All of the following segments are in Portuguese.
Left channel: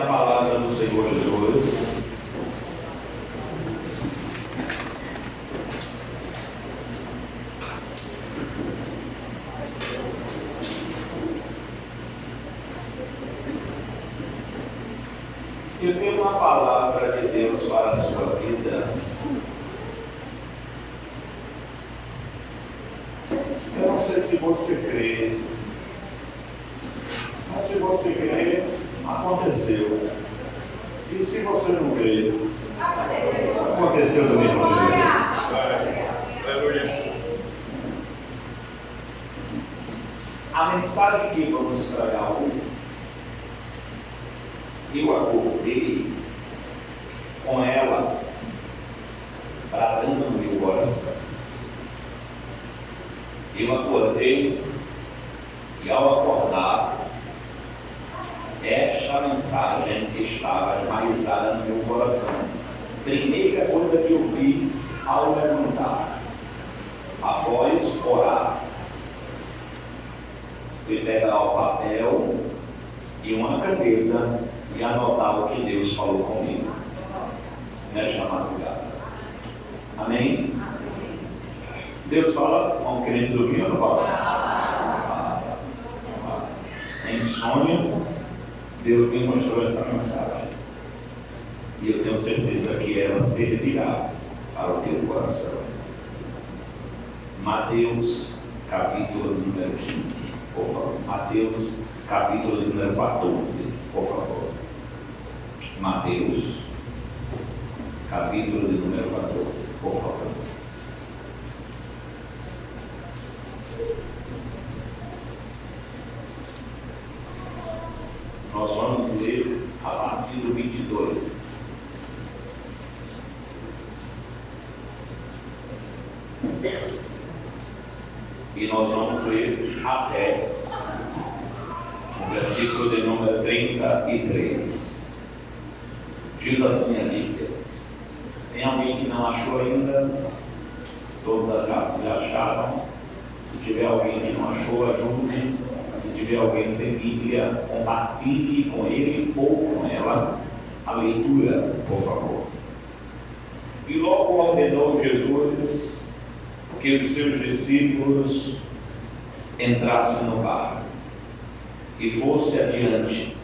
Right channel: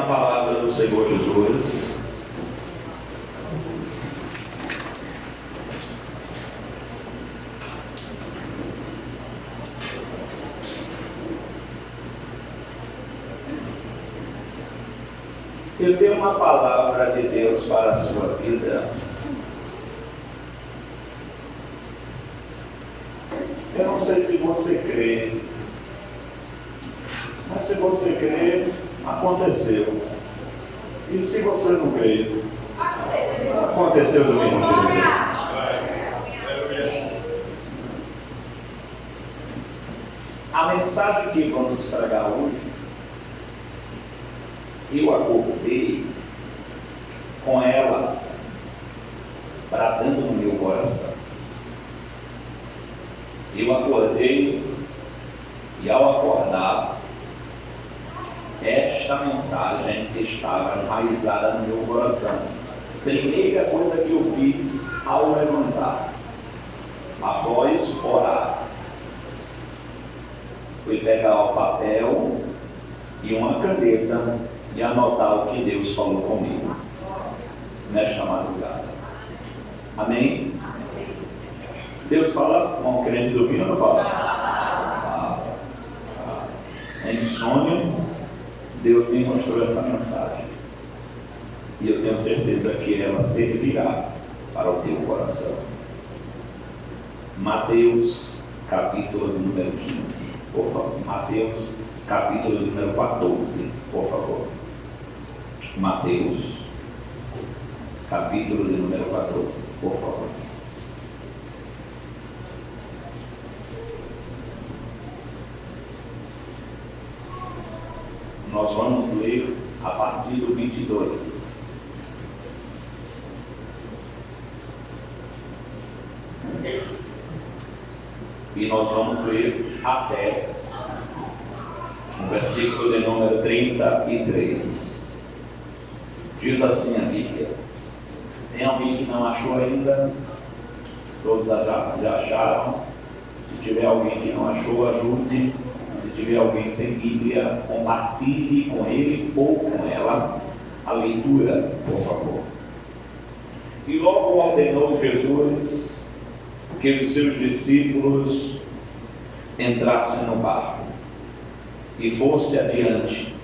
A palavra do Senhor Jesus. Eu tenho uma palavra de Deus para a sua vida. Eu não sei se você crê, mas se você crê, aconteceu. E se você não crê, aconteceu do mesmo jeito. A mensagem que vamos pregar hoje, eu acordei com ela bradando no meu coração. Eu acordei e, ao acordar, esta mensagem estava enraizada no meu coração. Primeira coisa que eu fiz ao levantar, após orar, foi pegar o papel e uma caneta e anotar o que Deus falou comigo nesta madrugada. Amém? Deus fala com o crente dormindo ou não fala? Em sonho, Deus me mostrou essa mensagem. E eu tenho certeza que ela servirá para o teu coração. Mateus, capítulo número 15, por favor. Mateus, capítulo número 14, por favor. Mateus, capítulo de número 14, por favor. Nós vamos ler a partir do 22. E nós vamos ler até o versículo de número 33. Diz assim a Bíblia. Tem alguém que não achou ainda? Todos já acharam? Se tiver alguém que não achou, ajude. Se tiver alguém sem Bíblia, compartilhe com ele ou com ela a leitura, por favor. E logo ordenou Jesus que os seus discípulos entrassem no barco e fosse adiante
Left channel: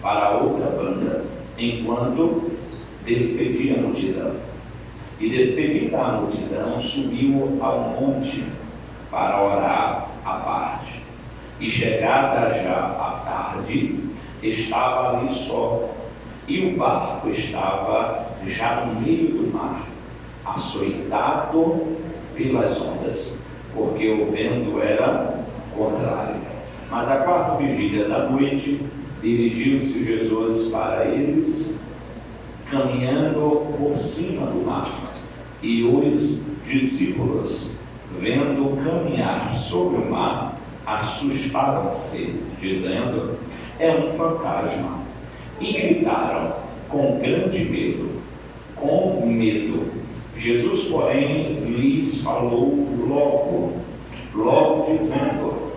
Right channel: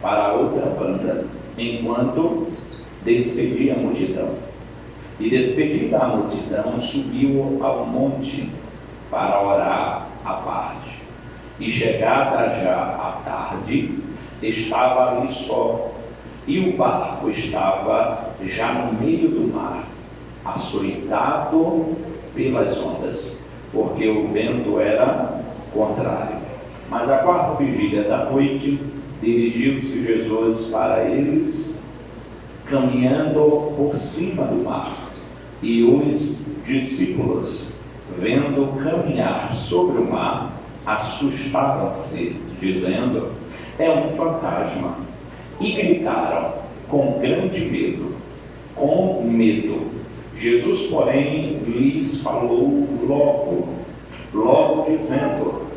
para outra banda, enquanto despedia a multidão. E despedida a multidão, subiu ao monte para orar à parte. E chegada já a tarde, estava ali só, e o barco estava já no meio do mar, açoitado pelas ondas, porque o vento era contrário. Mas à quarta vigília da noite, dirigiu-se Jesus para eles, caminhando por cima do mar. E os discípulos, vendo caminhar sobre o mar, assustaram-se, dizendo: é um fantasma. E gritaram com grande medo, com medo. Jesus, porém, lhes falou logo dizendo:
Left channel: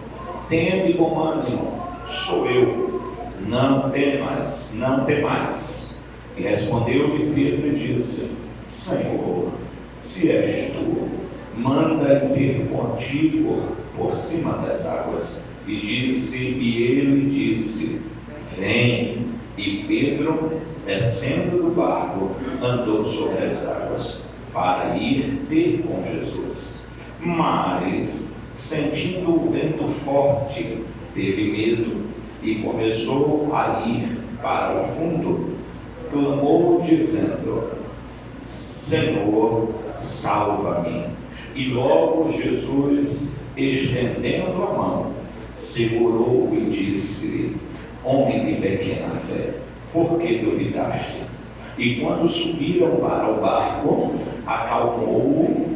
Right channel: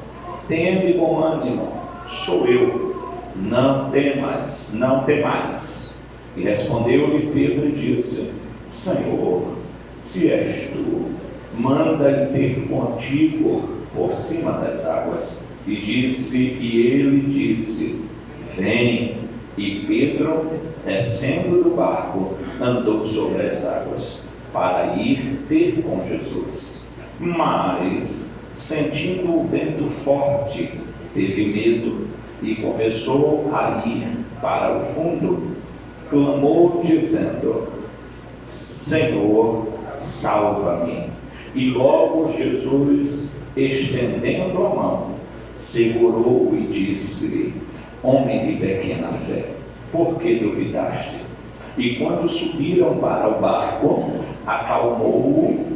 tende bom ânimo, sou eu, não temais. E respondeu-lhe Pedro e disse: Senhor, se és tu, manda-lhe ter contigo por cima das águas. E ele disse: vem. E Pedro, descendo do barco, andou sobre as águas para ir ter com Jesus. Mas, sentindo o vento forte, teve medo e começou a ir para o fundo. Clamou dizendo: Senhor, salva-me. E logo Jesus, estendendo a mão, segurou e disse-lhe: homem de pequena fé, por que duvidaste? E quando subiram para o barco, acalmou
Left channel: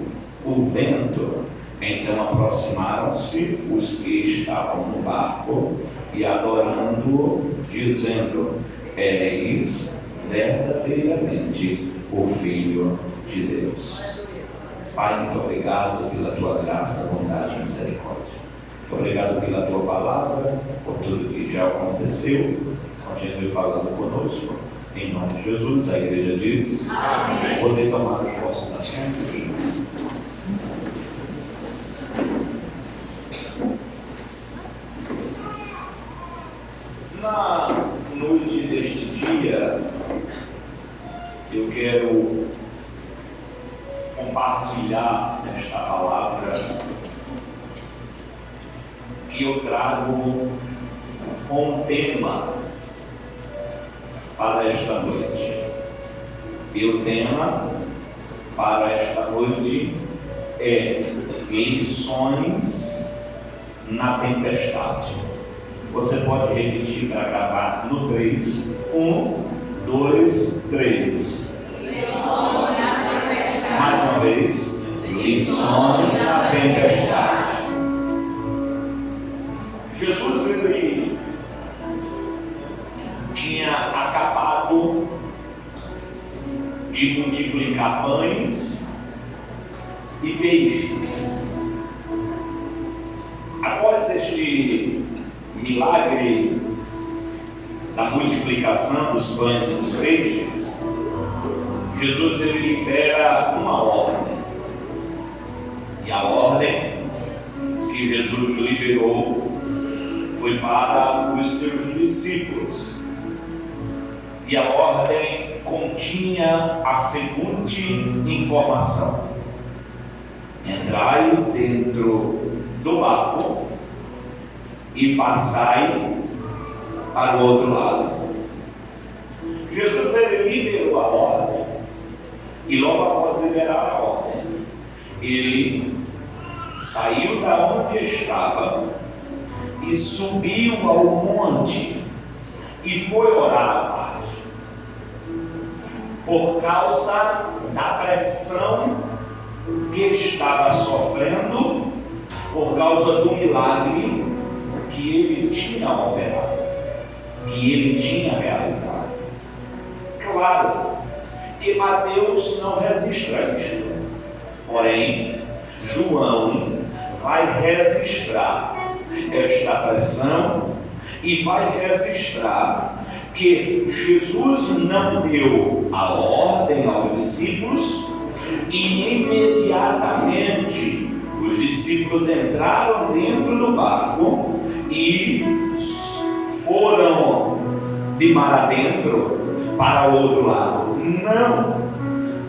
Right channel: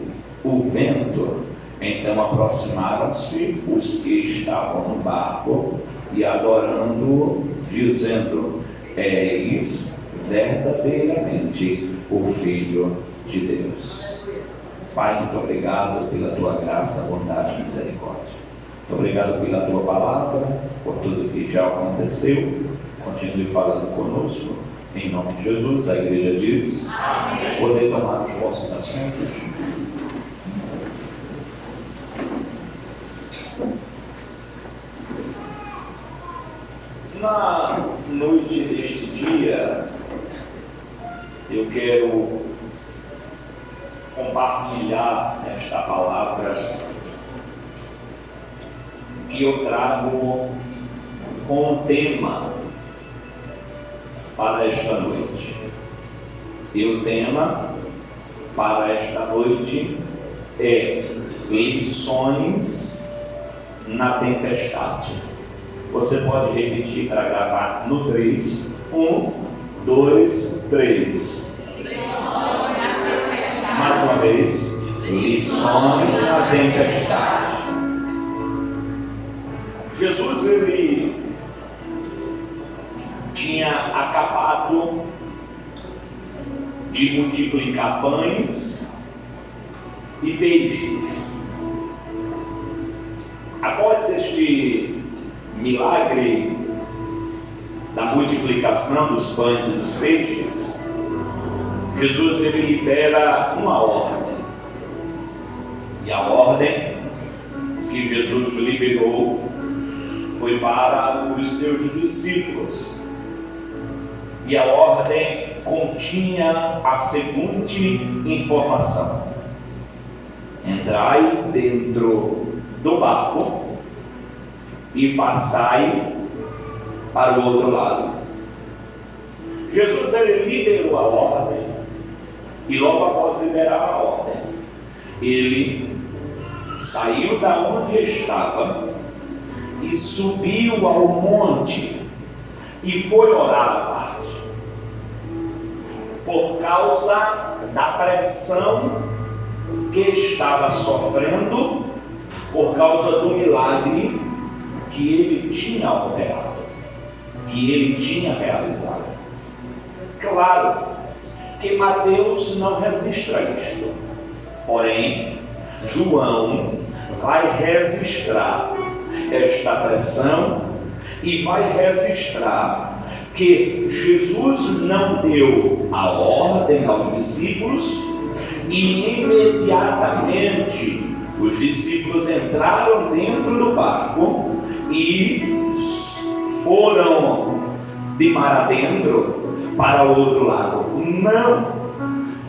o vento. Então aproximaram-se os que estavam no barco e adorando-o, dizendo: és verdadeiramente o Filho de Deus. Pai, muito obrigado pela tua graça, bondade e misericórdia. Muito obrigado pela tua palavra, por tudo que já aconteceu, continue falando conosco. Em nome de Jesus, a igreja diz: amém. Podem tomar os vossos assentos. Na noite deste dia, eu quero compartilhar esta palavra que eu trago com um tema para esta noite. E o tema para esta noite é lições na tempestade. Você pode repetir para gravar no 3. 1, 2, 3. Mais uma vez. Lições na tempestade. Jesus, ele tinha acabado de multiplicar pães e peixes. Após este milagre da multiplicação dos pães e dos peixes, Jesus, ele libera uma ordem. E a ordem que Jesus liberou foi para os seus discípulos. E a ordem continha a seguinte informação: entrai dentro do barco e passai para o outro lado. Jesus, ele liberou a ordem, e logo após liberar a ordem, ele saiu da onde estava e subiu ao monte e foi orar à tarde. Por causa da pressão que estava sofrendo, por causa do milagre que ele tinha operado, que ele tinha realizado. Claro que Mateus não registra isto, porém João vai registrar esta pressão e vai registrar que Jesus não deu a ordem aos discípulos e imediatamente os discípulos entraram dentro do barco e foram de mar adentro para o outro lado. Não!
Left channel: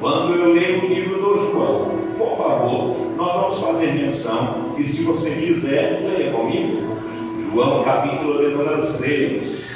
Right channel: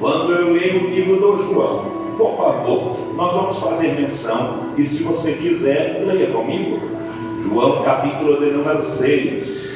Quando eu leio o livro do João, por favor, nós vamos fazer menção, e se você quiser, leia comigo. João capítulo de número 6.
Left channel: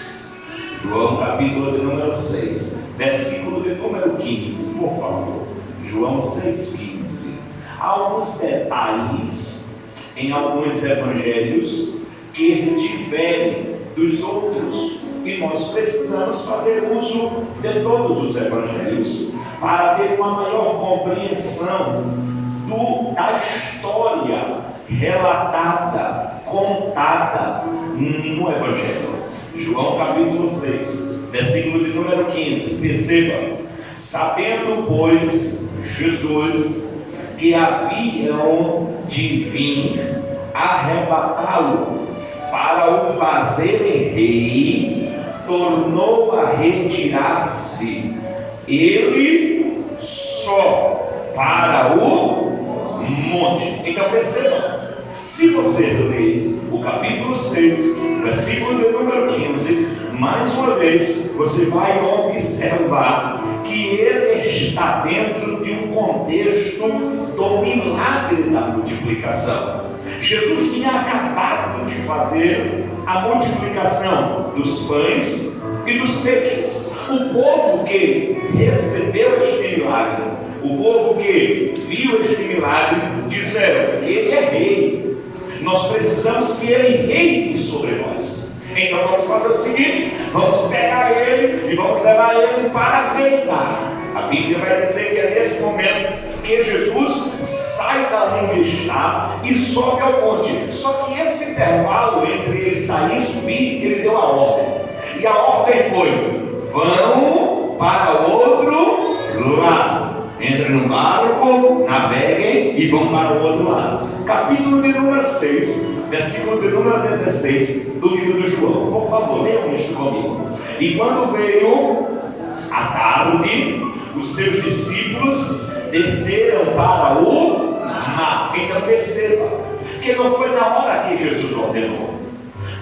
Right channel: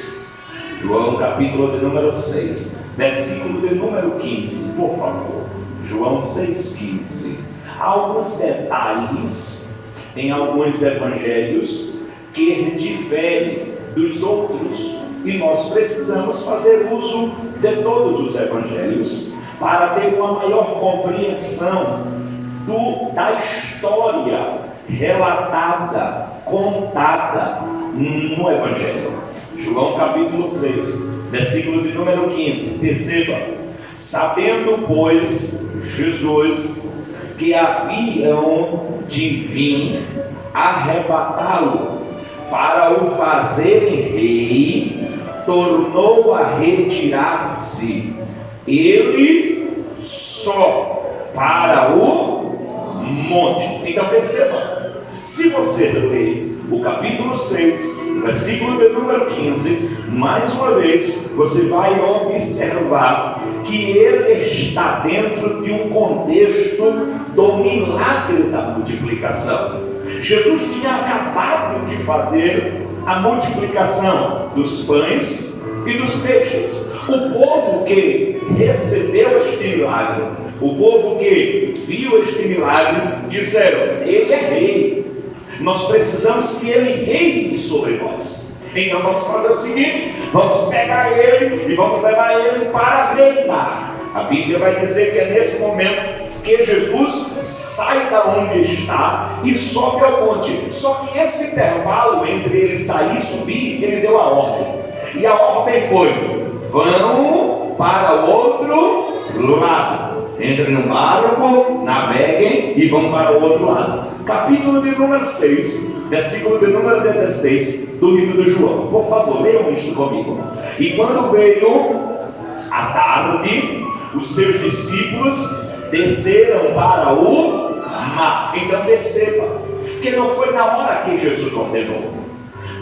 João capítulo de número 6, versículo de número 15, por favor. João 6,15. Há alguns detalhes em alguns evangelhos que diferem dos outros, e nós precisamos fazer uso de todos os evangelhos para ter uma maior compreensão da história relatada, contada no evangelho. João capítulo 6, versículo de número 15. Perceba: sabendo, pois, Jesus que haviam de vir arrebatá-lo para o fazerem rei, tornou a retirar-se ele só para o monte. Então perceba, se você ler o capítulo 6, versículo de número 15, mais uma vez, você vai observar que ele está dentro de um contexto do milagre da multiplicação. Jesus tinha acabado de fazer a multiplicação dos pães e dos peixes. O povo que recebeu este milagre, o povo que viu este milagre, disseram: ele é rei, nós precisamos que ele reine sobre nós. Então vamos fazer o seguinte: vamos pegar ele e vamos levar ele para reinar. A Bíblia vai dizer que é nesse momento que Jesus sai da onde está e sobe ao monte. Só que esse intervalo entre ele sair e subir, ele deu a ordem. E a ordem foi: vão para o outro lado. Entrem no barco, naveguem e vão para o outro lado. Capítulo de número 6, versículo de número 16 do livro de João. Por favor, leiam isto comigo. E quando veio a tarde, os seus discípulos desceram para o mar. Então perceba que não foi na hora que Jesus ordenou.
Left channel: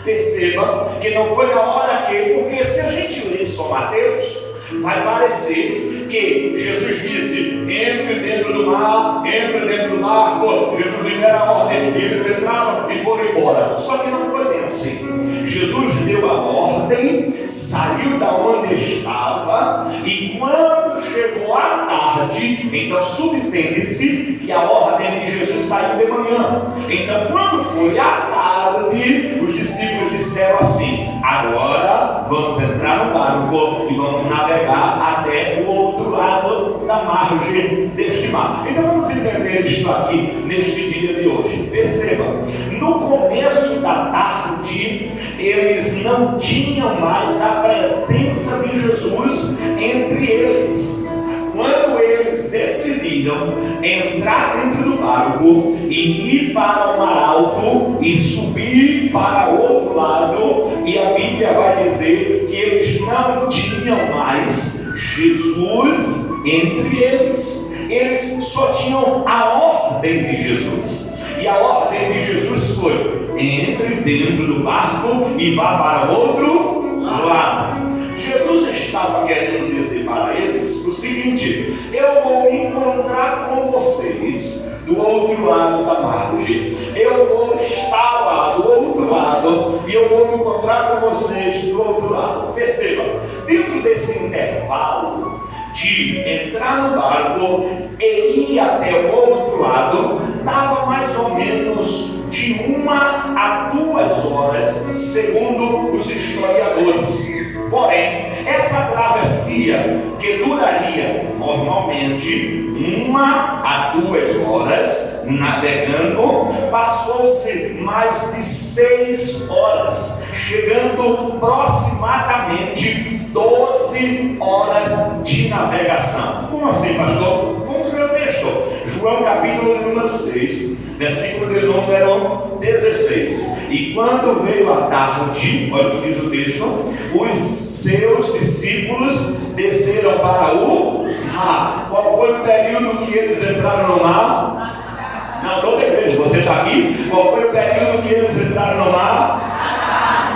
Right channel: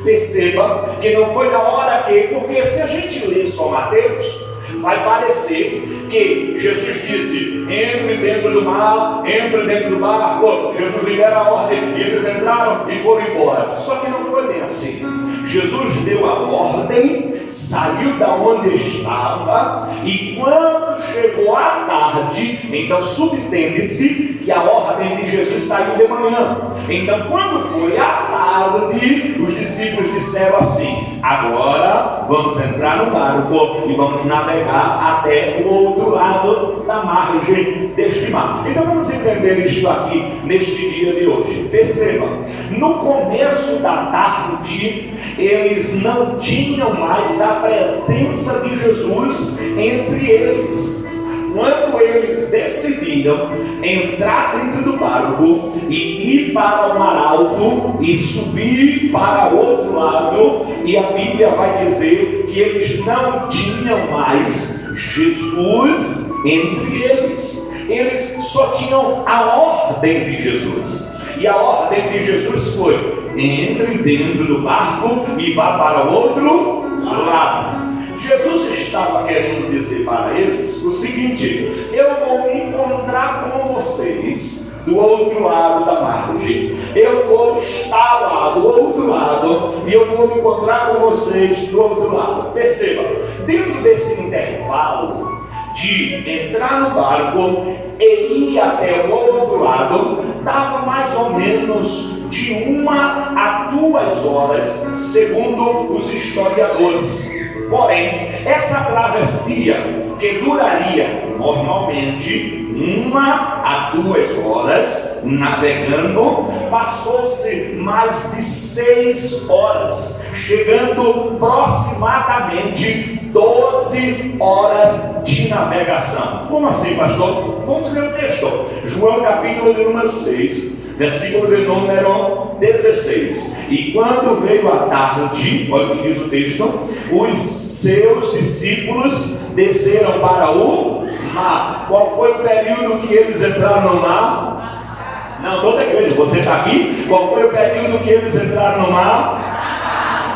Perceba que não foi na hora que, porque se a gente ler só Mateus, vai parecer que Jesus disse: entre dentro do mar, entre dentro do barco. Jesus libera a ordem, e eles entraram e foram embora. Só que não foi bem assim. Jesus deu a ordem, saiu da onde estava, e quando chegou a tarde, então subentende-se que a ordem de Jesus saiu de manhã. Então quando foi a tarde, os discípulos disseram assim: agora vamos entrar no barco e vamos navegar até o outro lado da margem deste mar. Então vamos entender isto aqui neste dia de hoje. Perceba, no começo da tarde, eles não tinham mais a presença de Jesus entre eles. Quando eles decidiram entrar dentro do barco e ir para o mar alto e subir para o outro lado, e a Bíblia vai dizer que eles não tinham mais Jesus entre eles. Eles só tinham a ordem de Jesus. E a ordem de Jesus foi: entre dentro do barco e vá para o outro lado. Jesus estava querendo dizer para eles o seguinte: eu vou encontrar com vocês do outro lado da margem. Eu vou estar lá do outro lado e eu vou me encontrar com vocês do outro lado. Perceba, dentro desse intervalo de entrar no barco e ir até o outro lado, dava mais ou menos de 1 a 2 horas, segundo os historiadores. Porém, essa travessia, que duraria normalmente 1 a 2 horas navegando, passou-se mais de 6 horas, chegando aproximadamente 12 horas de navegação. Como assim, pastor? Vamos ver o texto. João capítulo de número 6, versículo de número 16. E quando veio a tarde, olha o que diz o texto, os seus discípulos desceram para o mar. Qual foi o período que eles entraram no mar? Não, toda igreja, você está aqui? Qual foi o período que eles entraram no mar?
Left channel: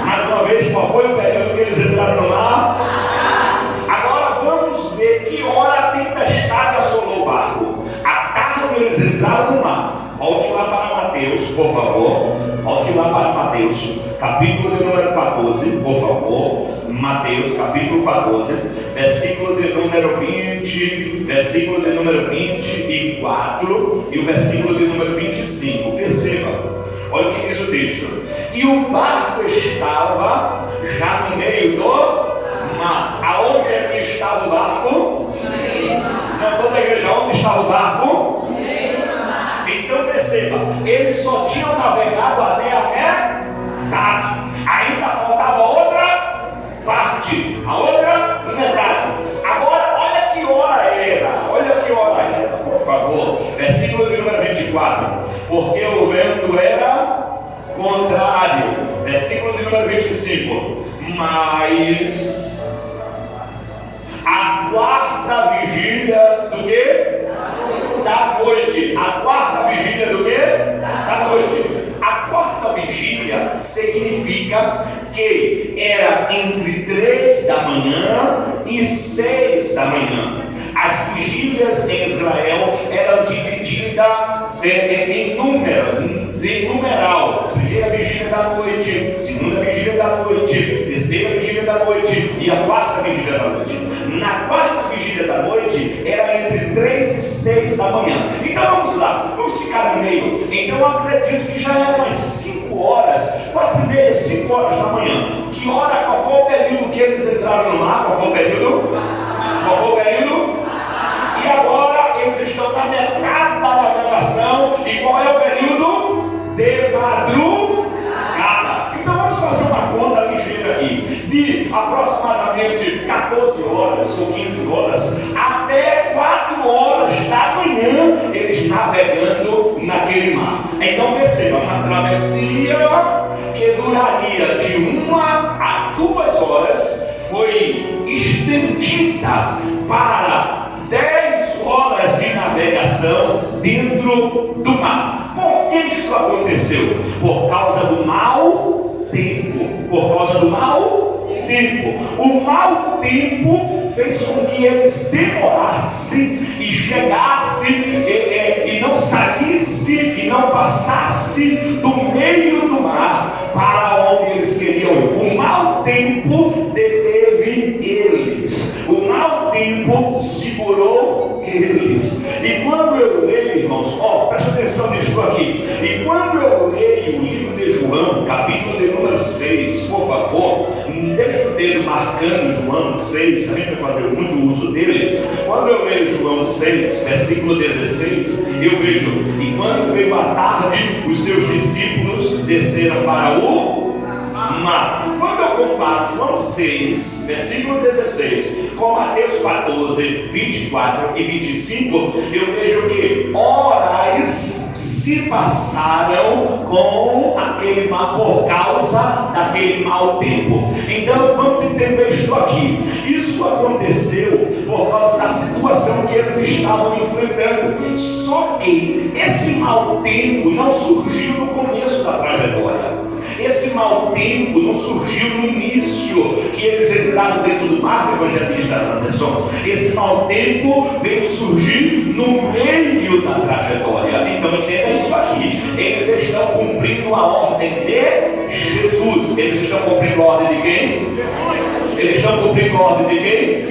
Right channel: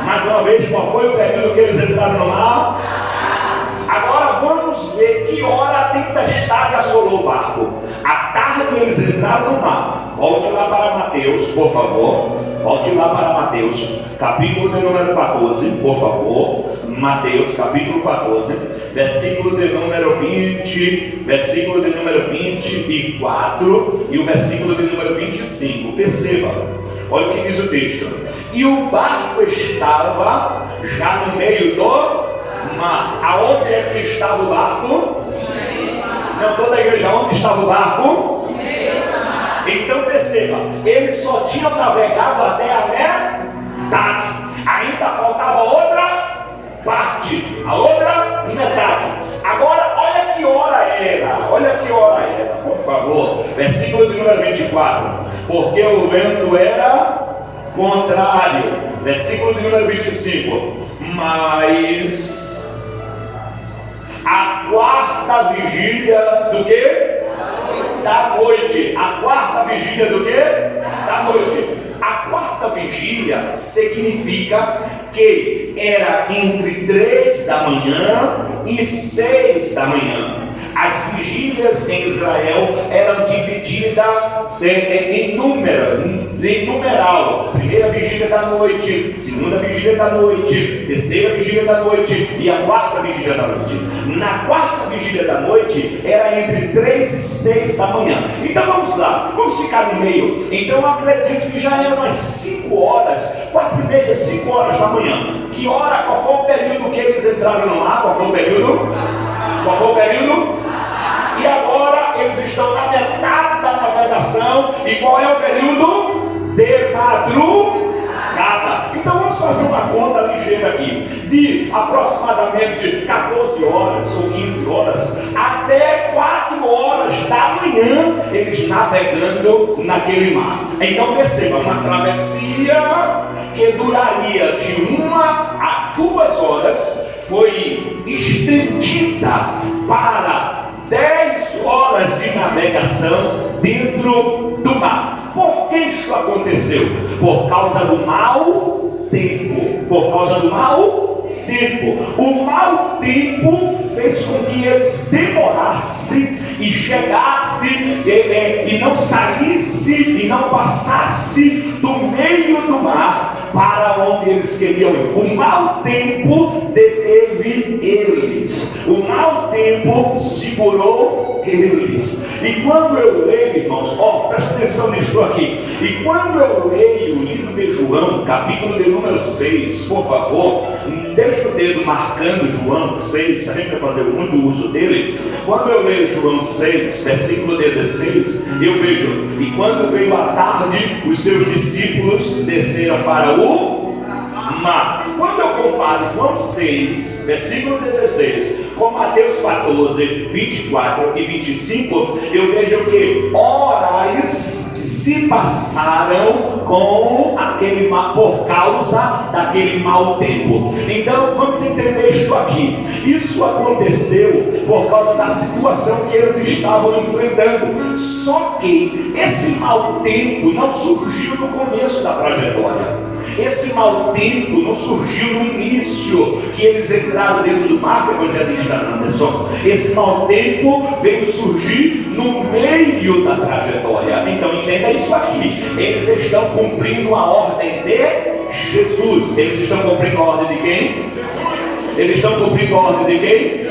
Mais uma vez, qual foi o período que eles entraram no mar? Agora vamos ver que hora a tempestade assolou o barco. À tarde eles entraram no mar. Volte lá para Mateus, por favor. Volte lá para Mateus, capítulo de número 14, por favor. Mateus, capítulo 14, versículo de número 20, versículo de número 24 e o versículo de número 25. Perceba, olha o que diz o texto. E o barco estava já no meio do mar. Aonde é que estava o barco? Não, toda a igreja, onde estava o barco? Então perceba, eles só tinham navegado até a metade. Ainda faltava outra parte, a outra metade. Agora olha que hora era, olha que hora era, por favor. Versículo de número 24. Porque o vento era contrário. Versículo de número 25. Mas a quarta vigília do quê? Da noite. A quarta vigília do quê? Da noite. A quarta vigília significa que era entre 3 da manhã e 6 da manhã. As vigílias em Israel eram divididas em numeral. Primeira vigília da noite, segunda vigília da noite, terceira vigília da noite e a quarta vigília da noite. Na quarta vigília da noite era entre 3 e 6 da manhã. Então vamos lá, vamos ficar no meio. Então eu acredito que já eram umas 5 horas, 4h30, 5 horas da manhã. Que hora, qual foi o período que eles entraram no mar? Qual foi o período? Qual foi o período? E agora eles estão na metade da navegação. E qual é o período? De madrugada. Então vamos fazer uma conta ligeira aqui. De aproximadamente 14 horas ou 15 horas até 4 horas da manhã, eles navegando naquele mar. Então perceba, uma travessia que duraria de 1 a 2 horas, foi estendida para 10 horas de navegação dentro do mar. Por que isso aconteceu? Por causa do mau tempo. Por causa do mau tempo. O mau tempo fez com que eles demorassem e chegassem e não saíssem e não passassem do meio do mar para onde eles queriam ir. O mau tempo deteve eles. O mau tempo segurou eles. E quando eu leio, irmãos, presta atenção nisso aqui. E quando eu leio o livro de João, capítulo de número 6, por favor, deixa o dedo marcando João 6, a gente vai fazer muito uso dele. Quando eu leio João 6, versículo 16, eu vejo: e quando veio a tarde, os seus discípulos desceram para o mar. Quando eu comparo João 6, versículo 16, com Mateus 14, 24 e 25, eu vejo que horas se passaram com aquele mar por causa daquele mau tempo. Então vamos entender isso aqui. Isso aconteceu por causa da situação que eles estavam enfrentando. Só que esse mau tempo não surgiu no começo da trajetória. Esse mau tempo não surgiu no início que eles entraram dentro do mar, evangelista Anderson. Esse mau tempo veio surgir no meio da trajetória. Então entenda isso aqui. Eles estão cumprindo a ordem de Jesus. Eles estão cumprindo a ordem de quem? Eles estão cumprindo a ordem de quem?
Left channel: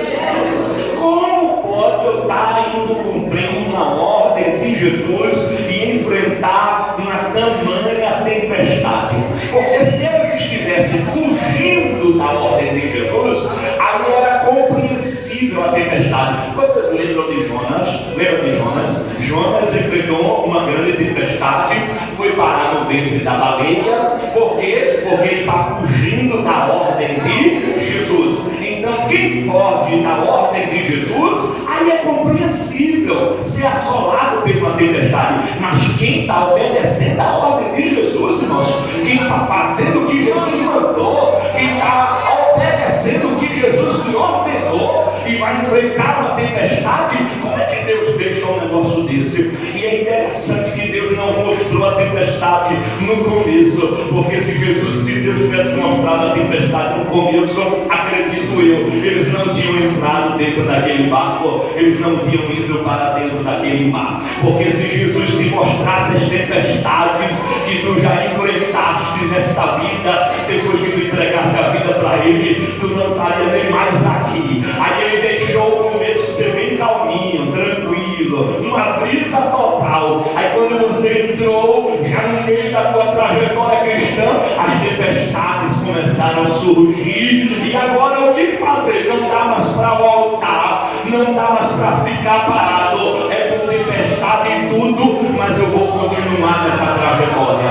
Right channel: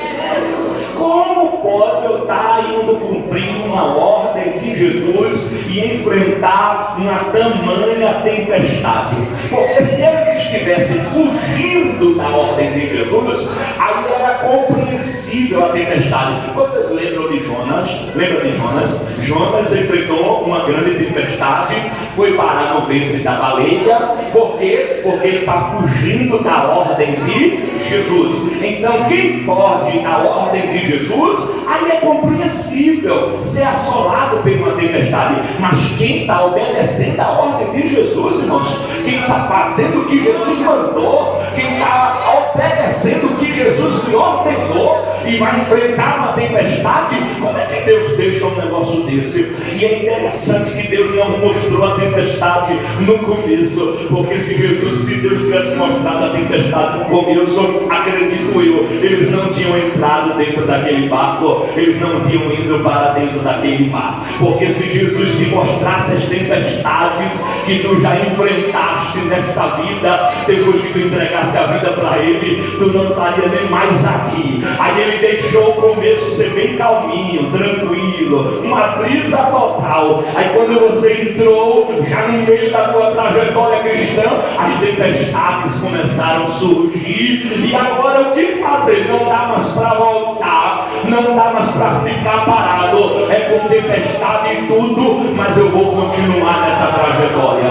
Como pode eu estar indo cumprindo uma ordem de Jesus e enfrentar uma tamanha tempestade? Porque se eles estivessem fugindo da ordem de Jesus, aí era compreensível a tempestade. Vocês lembram de Jonas? Lembra de Jonas? Jonas enfrentou uma grande tempestade, foi parar no ventre da baleia. Por quê? Porque ele está fugindo da ordem de Jesus. Então quem pode ir na ordem de Jesus, aí é compreensível ser assolado por uma tempestade. Mas quem está obedecendo a ordem de Jesus, irmãos, quem está fazendo o que Jesus mandou, quem está obedecendo o que Jesus lhe ordenou e vai enfrentar uma tempestade, como é que Deus deixa um negócio desse? E é interessante que Deus não mostrou a tempestade no começo, porque se Deus tivesse mostrado a tempestade no começo, acredito eu, eles não tinham entrado dentro daquele barco, eles não tinham ido para dentro daquele mar. Porque se Jesus te mostrasse as tempestades que tu já enfrentaste nesta vida, depois que tu entregasse a vida para Ele, tu não estaria nem mais aqui. Aí Ele deixou o começo ser bem calminho, tranquilo, uma brisa total. Aí quando você entrou, já no meio da tua trajetória cristã, as tempestades começaram a surgir. E agora o que fazer? Não dá mais para voltar, não dá mais para ficar parado. É com tempestade e tudo, mas eu vou continuar nessa trajetória.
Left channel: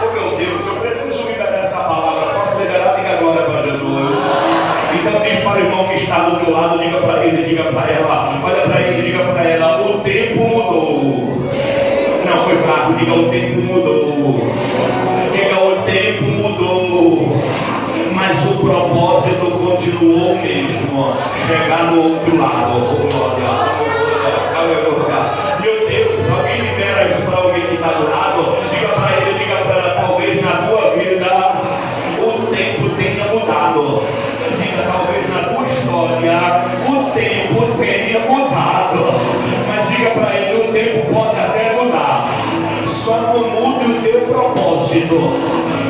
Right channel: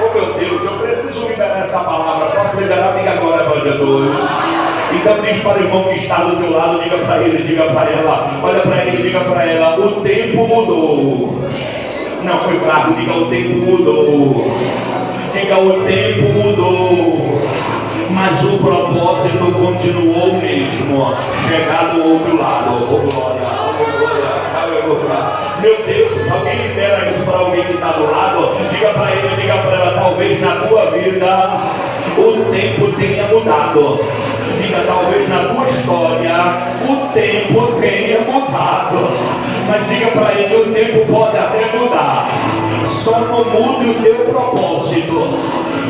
Oh meu Deus, eu preciso liberar essa palavra. Posso liberar? Diga agora para Jesus. Então diz para o irmão que está do teu lado, diga para ele, diga para ela, olha para ele, diga para ela: o tempo mudou. Não foi fraco, diga: o tempo mudou. Diga: o tempo mudou. Mas o propósito continuou o mesmo, chegar do outro lado. Oh glória, aleluia. Meu Deus, alguém libera isso para alguém que está do lado. Diga para ele, diga para ela: talvez na tua vida o tempo tenha mudado. Diga: talvez na tua história o tempo tenha mudado. Mas diga para ele: o tempo pode até mudar, só não mude o teu propósito,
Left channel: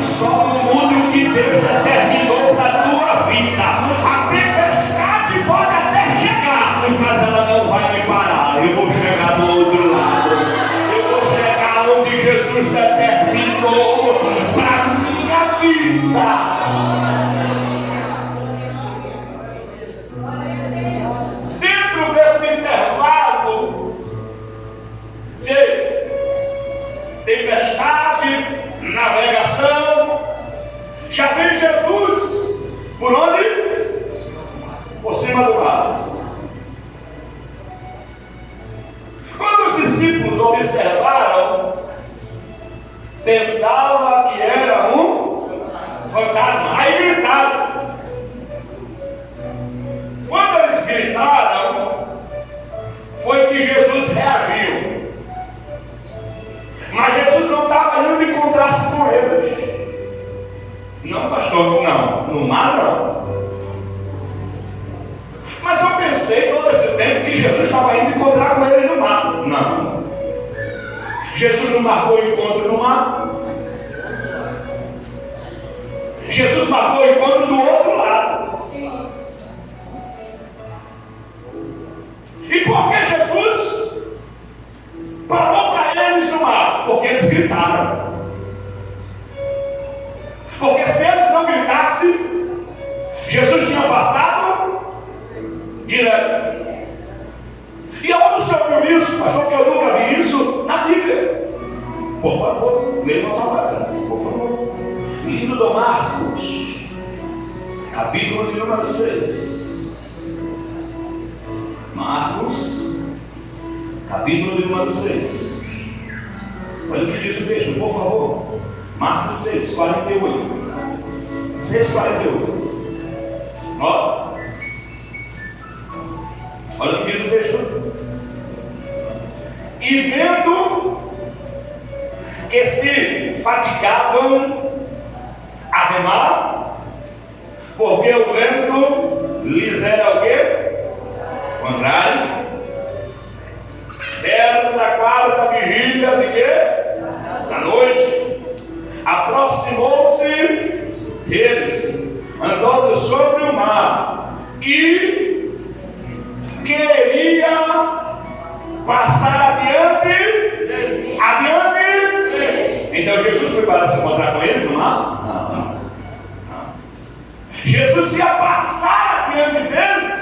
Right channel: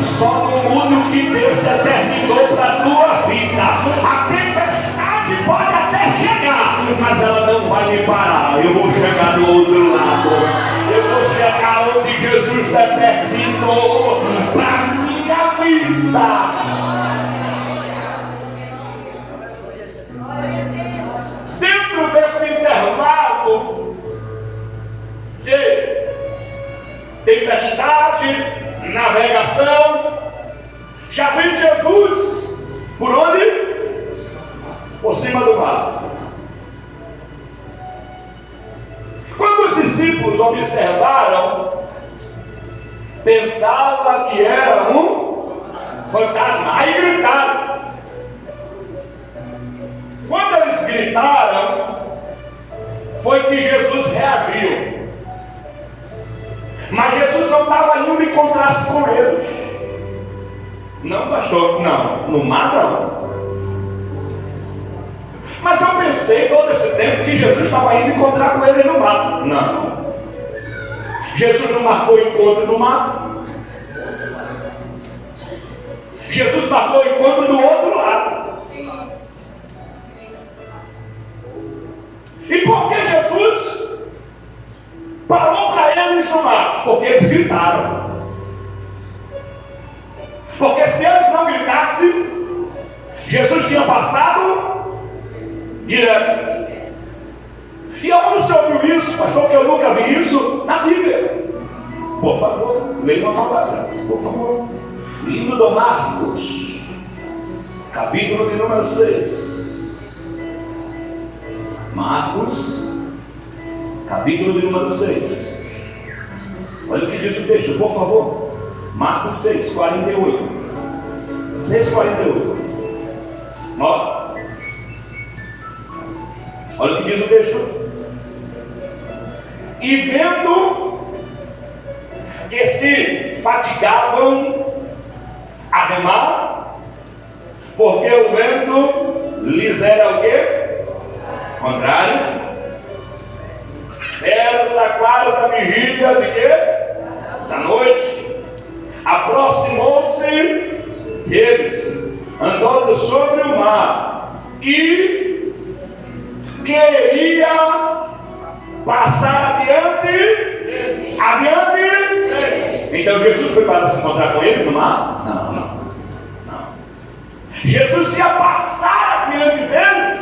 só não mude o que Deus determinou para a tua vida. A tempestade pode até chegar, mas ela não vai me parar. Eu vou chegar do outro lado, eu vou chegar onde Jesus determinou para a minha vida. Dentro desse intervalo de tempestade, navegação, já vem Jesus observaram, pensava que era um fantasma. Aí gritaram. Quando eles gritaram, foi que Jesus reagiu. Mas Jesus não estava indo encontrar-se com eles. Não, pastor, não. No mar, não. Mas eu pensei todo esse tempo que Jesus estava indo encontrar com eles no mar. Não. Jesus não marcou o encontro no mar. Jesus marcou o encontro do outro lado. Sim. E por que Jesus parou para eles no mar? Porque eles gritaram. Porque se eles não gritassem, Jesus tinha passado direto. E onde o senhor viu isso, pastor? Que eu nunca vi isso na Bíblia. Por favor, leia uma palavra, por favor. Livro de Marcos, capítulo de número 6. Marcos, capítulo de número 6. Olha o que diz o texto, por favor. Marcos 6, 48. 6, 48. Olha o que diz o texto. E vendo que se fatigavam a remar, porque o vento lhes era o quê? Contrário. Perto da quarta vigília de quê? Da noite. Aproximou-se deles, andando sobre o mar, e queria passar adiante. Então Jesus foi para se encontrar com eles no mar? Não. Jesus ia passar adiante deles,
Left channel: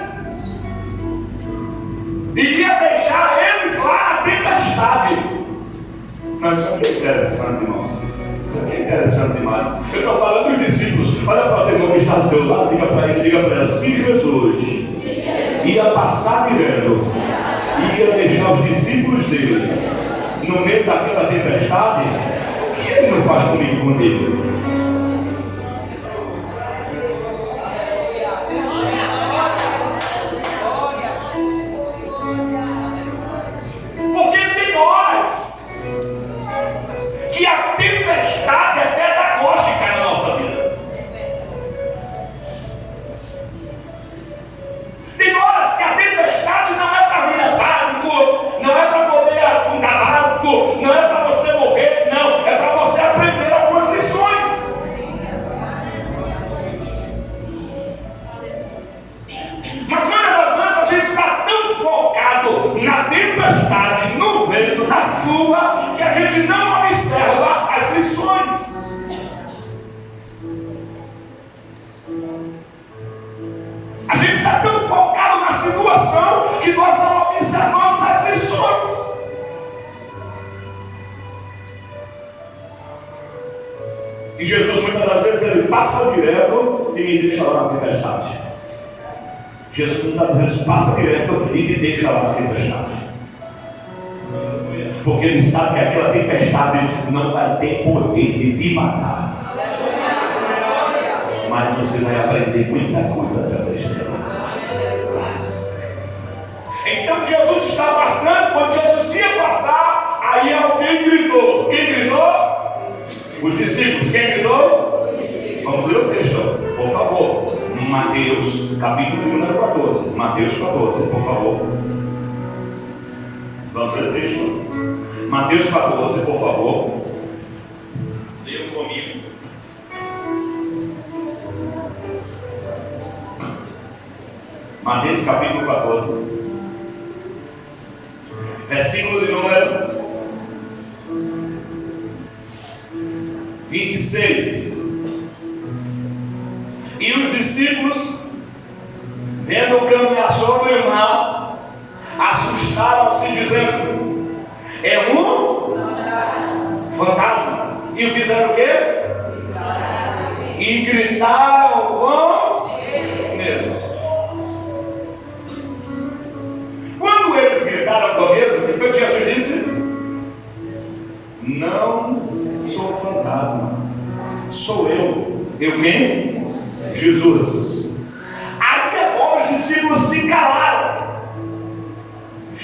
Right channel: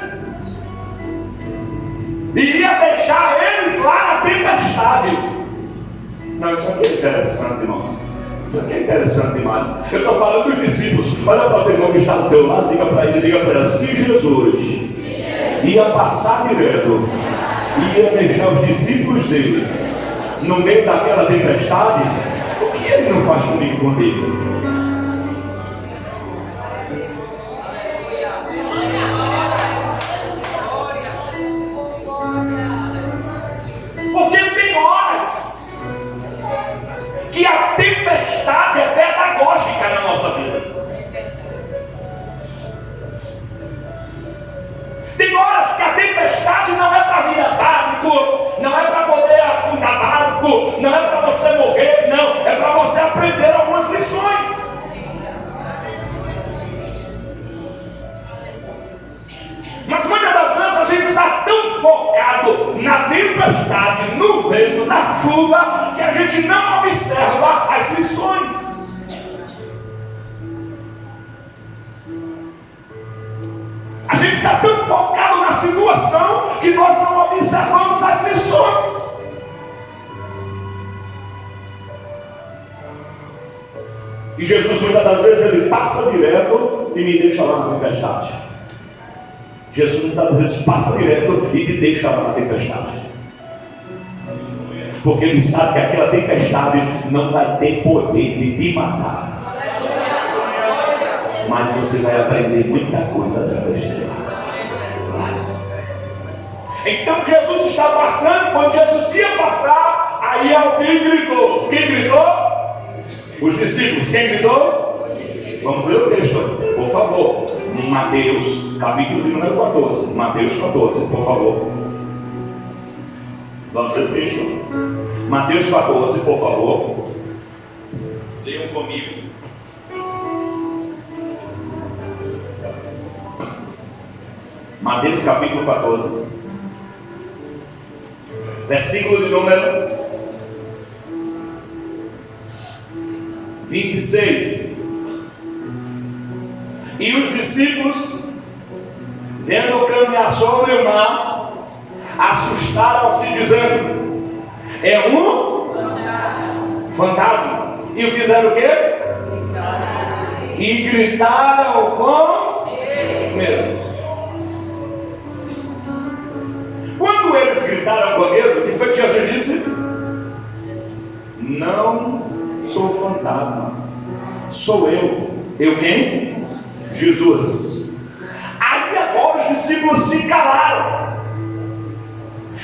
iria deixar eles lá na tempestade. Não, isso aqui é interessante, irmãos. Isso aqui é interessante demais. Eu estou falando dos discípulos. Olha para o teu irmão que está do teu lado, diga para ele, se Jesus ia passar direto, ia deixar os discípulos dele no meio daquela tempestade, o que ele não faz comigo, contigo? Porque tem horas que a tempestade é pedagógica na nossa vida. Tem horas que a tempestade não é para virar barco, não é para poder afundar barco, não é para você morrer, não, é para você aprender algumas lições. Mas muitas das vezes a gente está tão focado na tempestade, no vento, na chuva, que a gente não observa as lições. A gente está tão focado na situação que nós não observamos as lições. E Jesus muitas das vezes ele passa direto e me deixa lá na tempestade. Jesus muitas vezes passa direto e te deixa lá na tempestade. Porque ele sabe que aquela tempestade não vai ter poder de te matar. Mas você vai aprender muita coisa através dela. Então Jesus está passando, quando Jesus ia passar, aí alguém gritou. Quem gritou? Os discípulos. Quem gritou? Vamos ler o texto, por favor. Mateus, capítulo número 14. Mateus 14, por favor. Vamos ler o texto. Mateus 14, por favor. Leiam comigo. Mateus capítulo 14, versículo de número 26. E os discípulos, vendo caminhar sobre o mar, assustaram-se, dizendo: é um fantasma. E fizeram o quê? E gritaram com medo. Quando eles gritaram com medo, o que foi que Jesus disse? sou eu. Eu quem? Jesus. Aí agora os discípulos se calaram.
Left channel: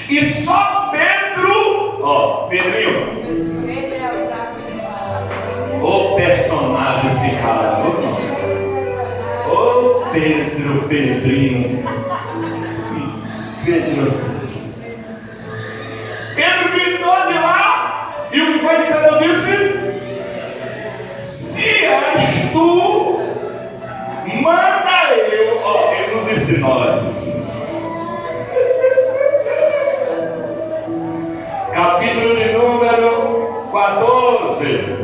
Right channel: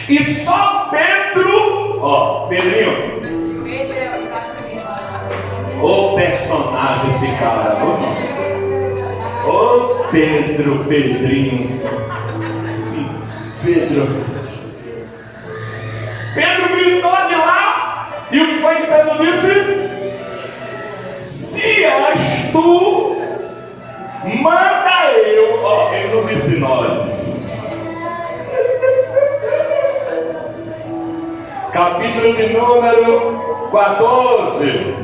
E só Pedro, Pedrinho, o personagem esse cara, Pedrinho, Pedro gritou de lá, e o que foi que Pedro disse? Se és tu, manda eu. Ele não disse nós. Capítulo de número 14.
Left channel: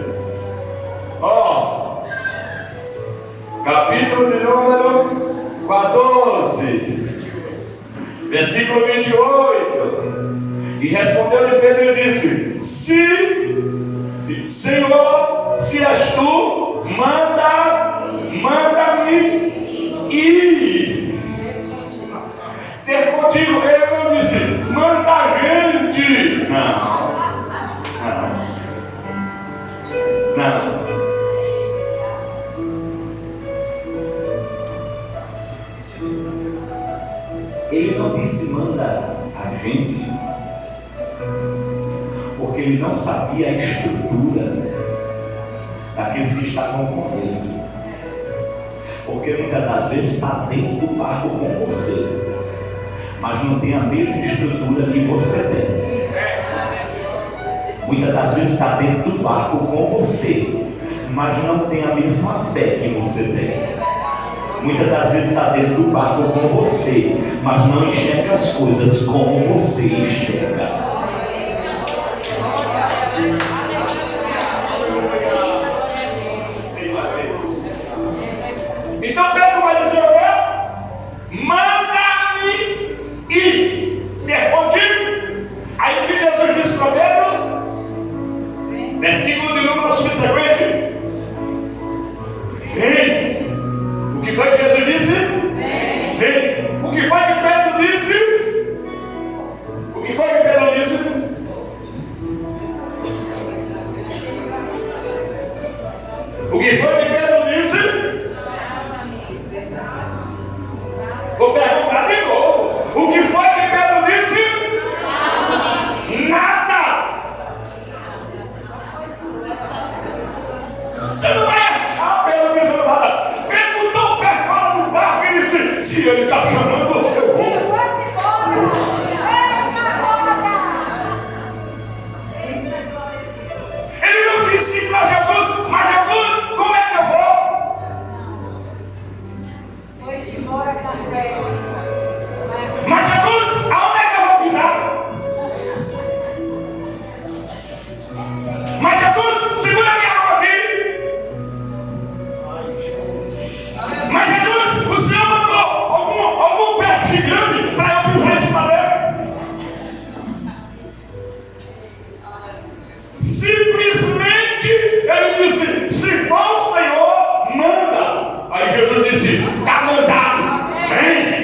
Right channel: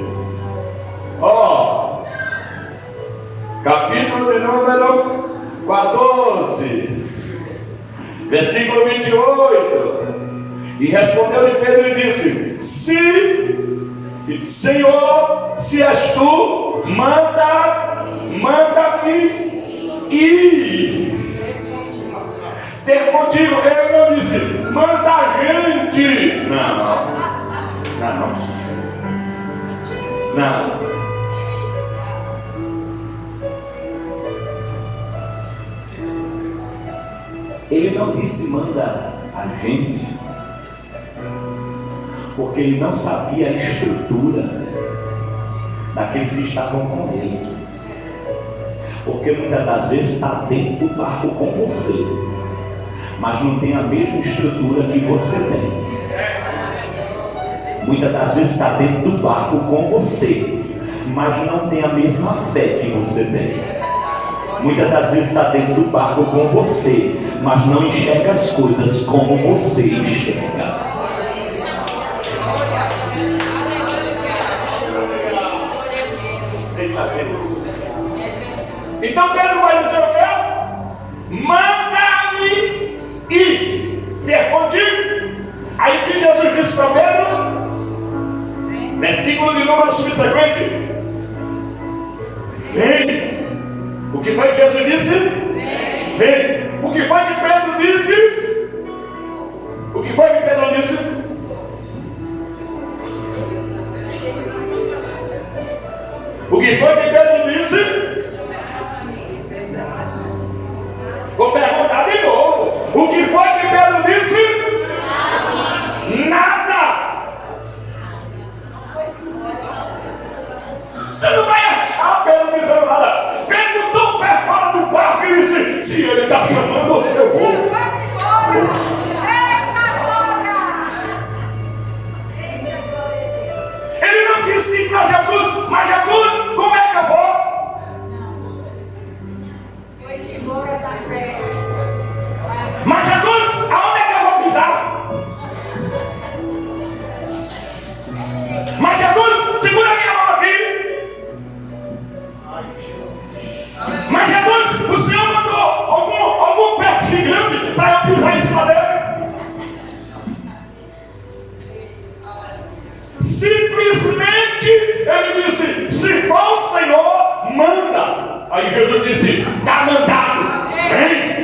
Capítulo de número 14, versículo 28. E respondeu-lhe Pedro e disse: Senhor, se és tu, manda-me ir ter contigo. Ele não disse, manda a gente. Não. Ele não disse manda a gente, porque ele não sabia a estrutura daqueles que estavam com ele. Porque muitas das vezes está dentro do barco com você, mas não tem a mesma estrutura que você tem. Muitas das vezes está dentro do barco com você, mas não tem a mesma fé que você tem. Muitas das vezes está dentro do barco com você, mas não enxerga as coisas como você enxerga. Então Pedro vai dizer o quê? Manda-me ir ter contigo. Aí o que Jesus disse para Pedro? Versículo de número subsequente: vem. O que foi que Jesus disse? Vem. O que foi que Pedro disse? O que foi que Pedro disse? O que foi que Pedro disse? Vou perguntar de novo. O que foi que Pedro disse? Nada. Você não vai achar Pedro dizendo nada. Pedro tão perto fora do barco e disse: se ele está chamando, eu vou. Ele não disse para Jesus: mas Jesus, como é que eu vou? Foi-se embora da fé. Mas Jesus, aonde é que eu vou pisar? Mas Jesus, segura a minha mão aqui. Mas Jesus, o Senhor mandou algum pé gigante para eu pisar em cima dele? Simplesmente ele disse: se for o Senhor, manda. Aí Jesus disse: está mandado, vem.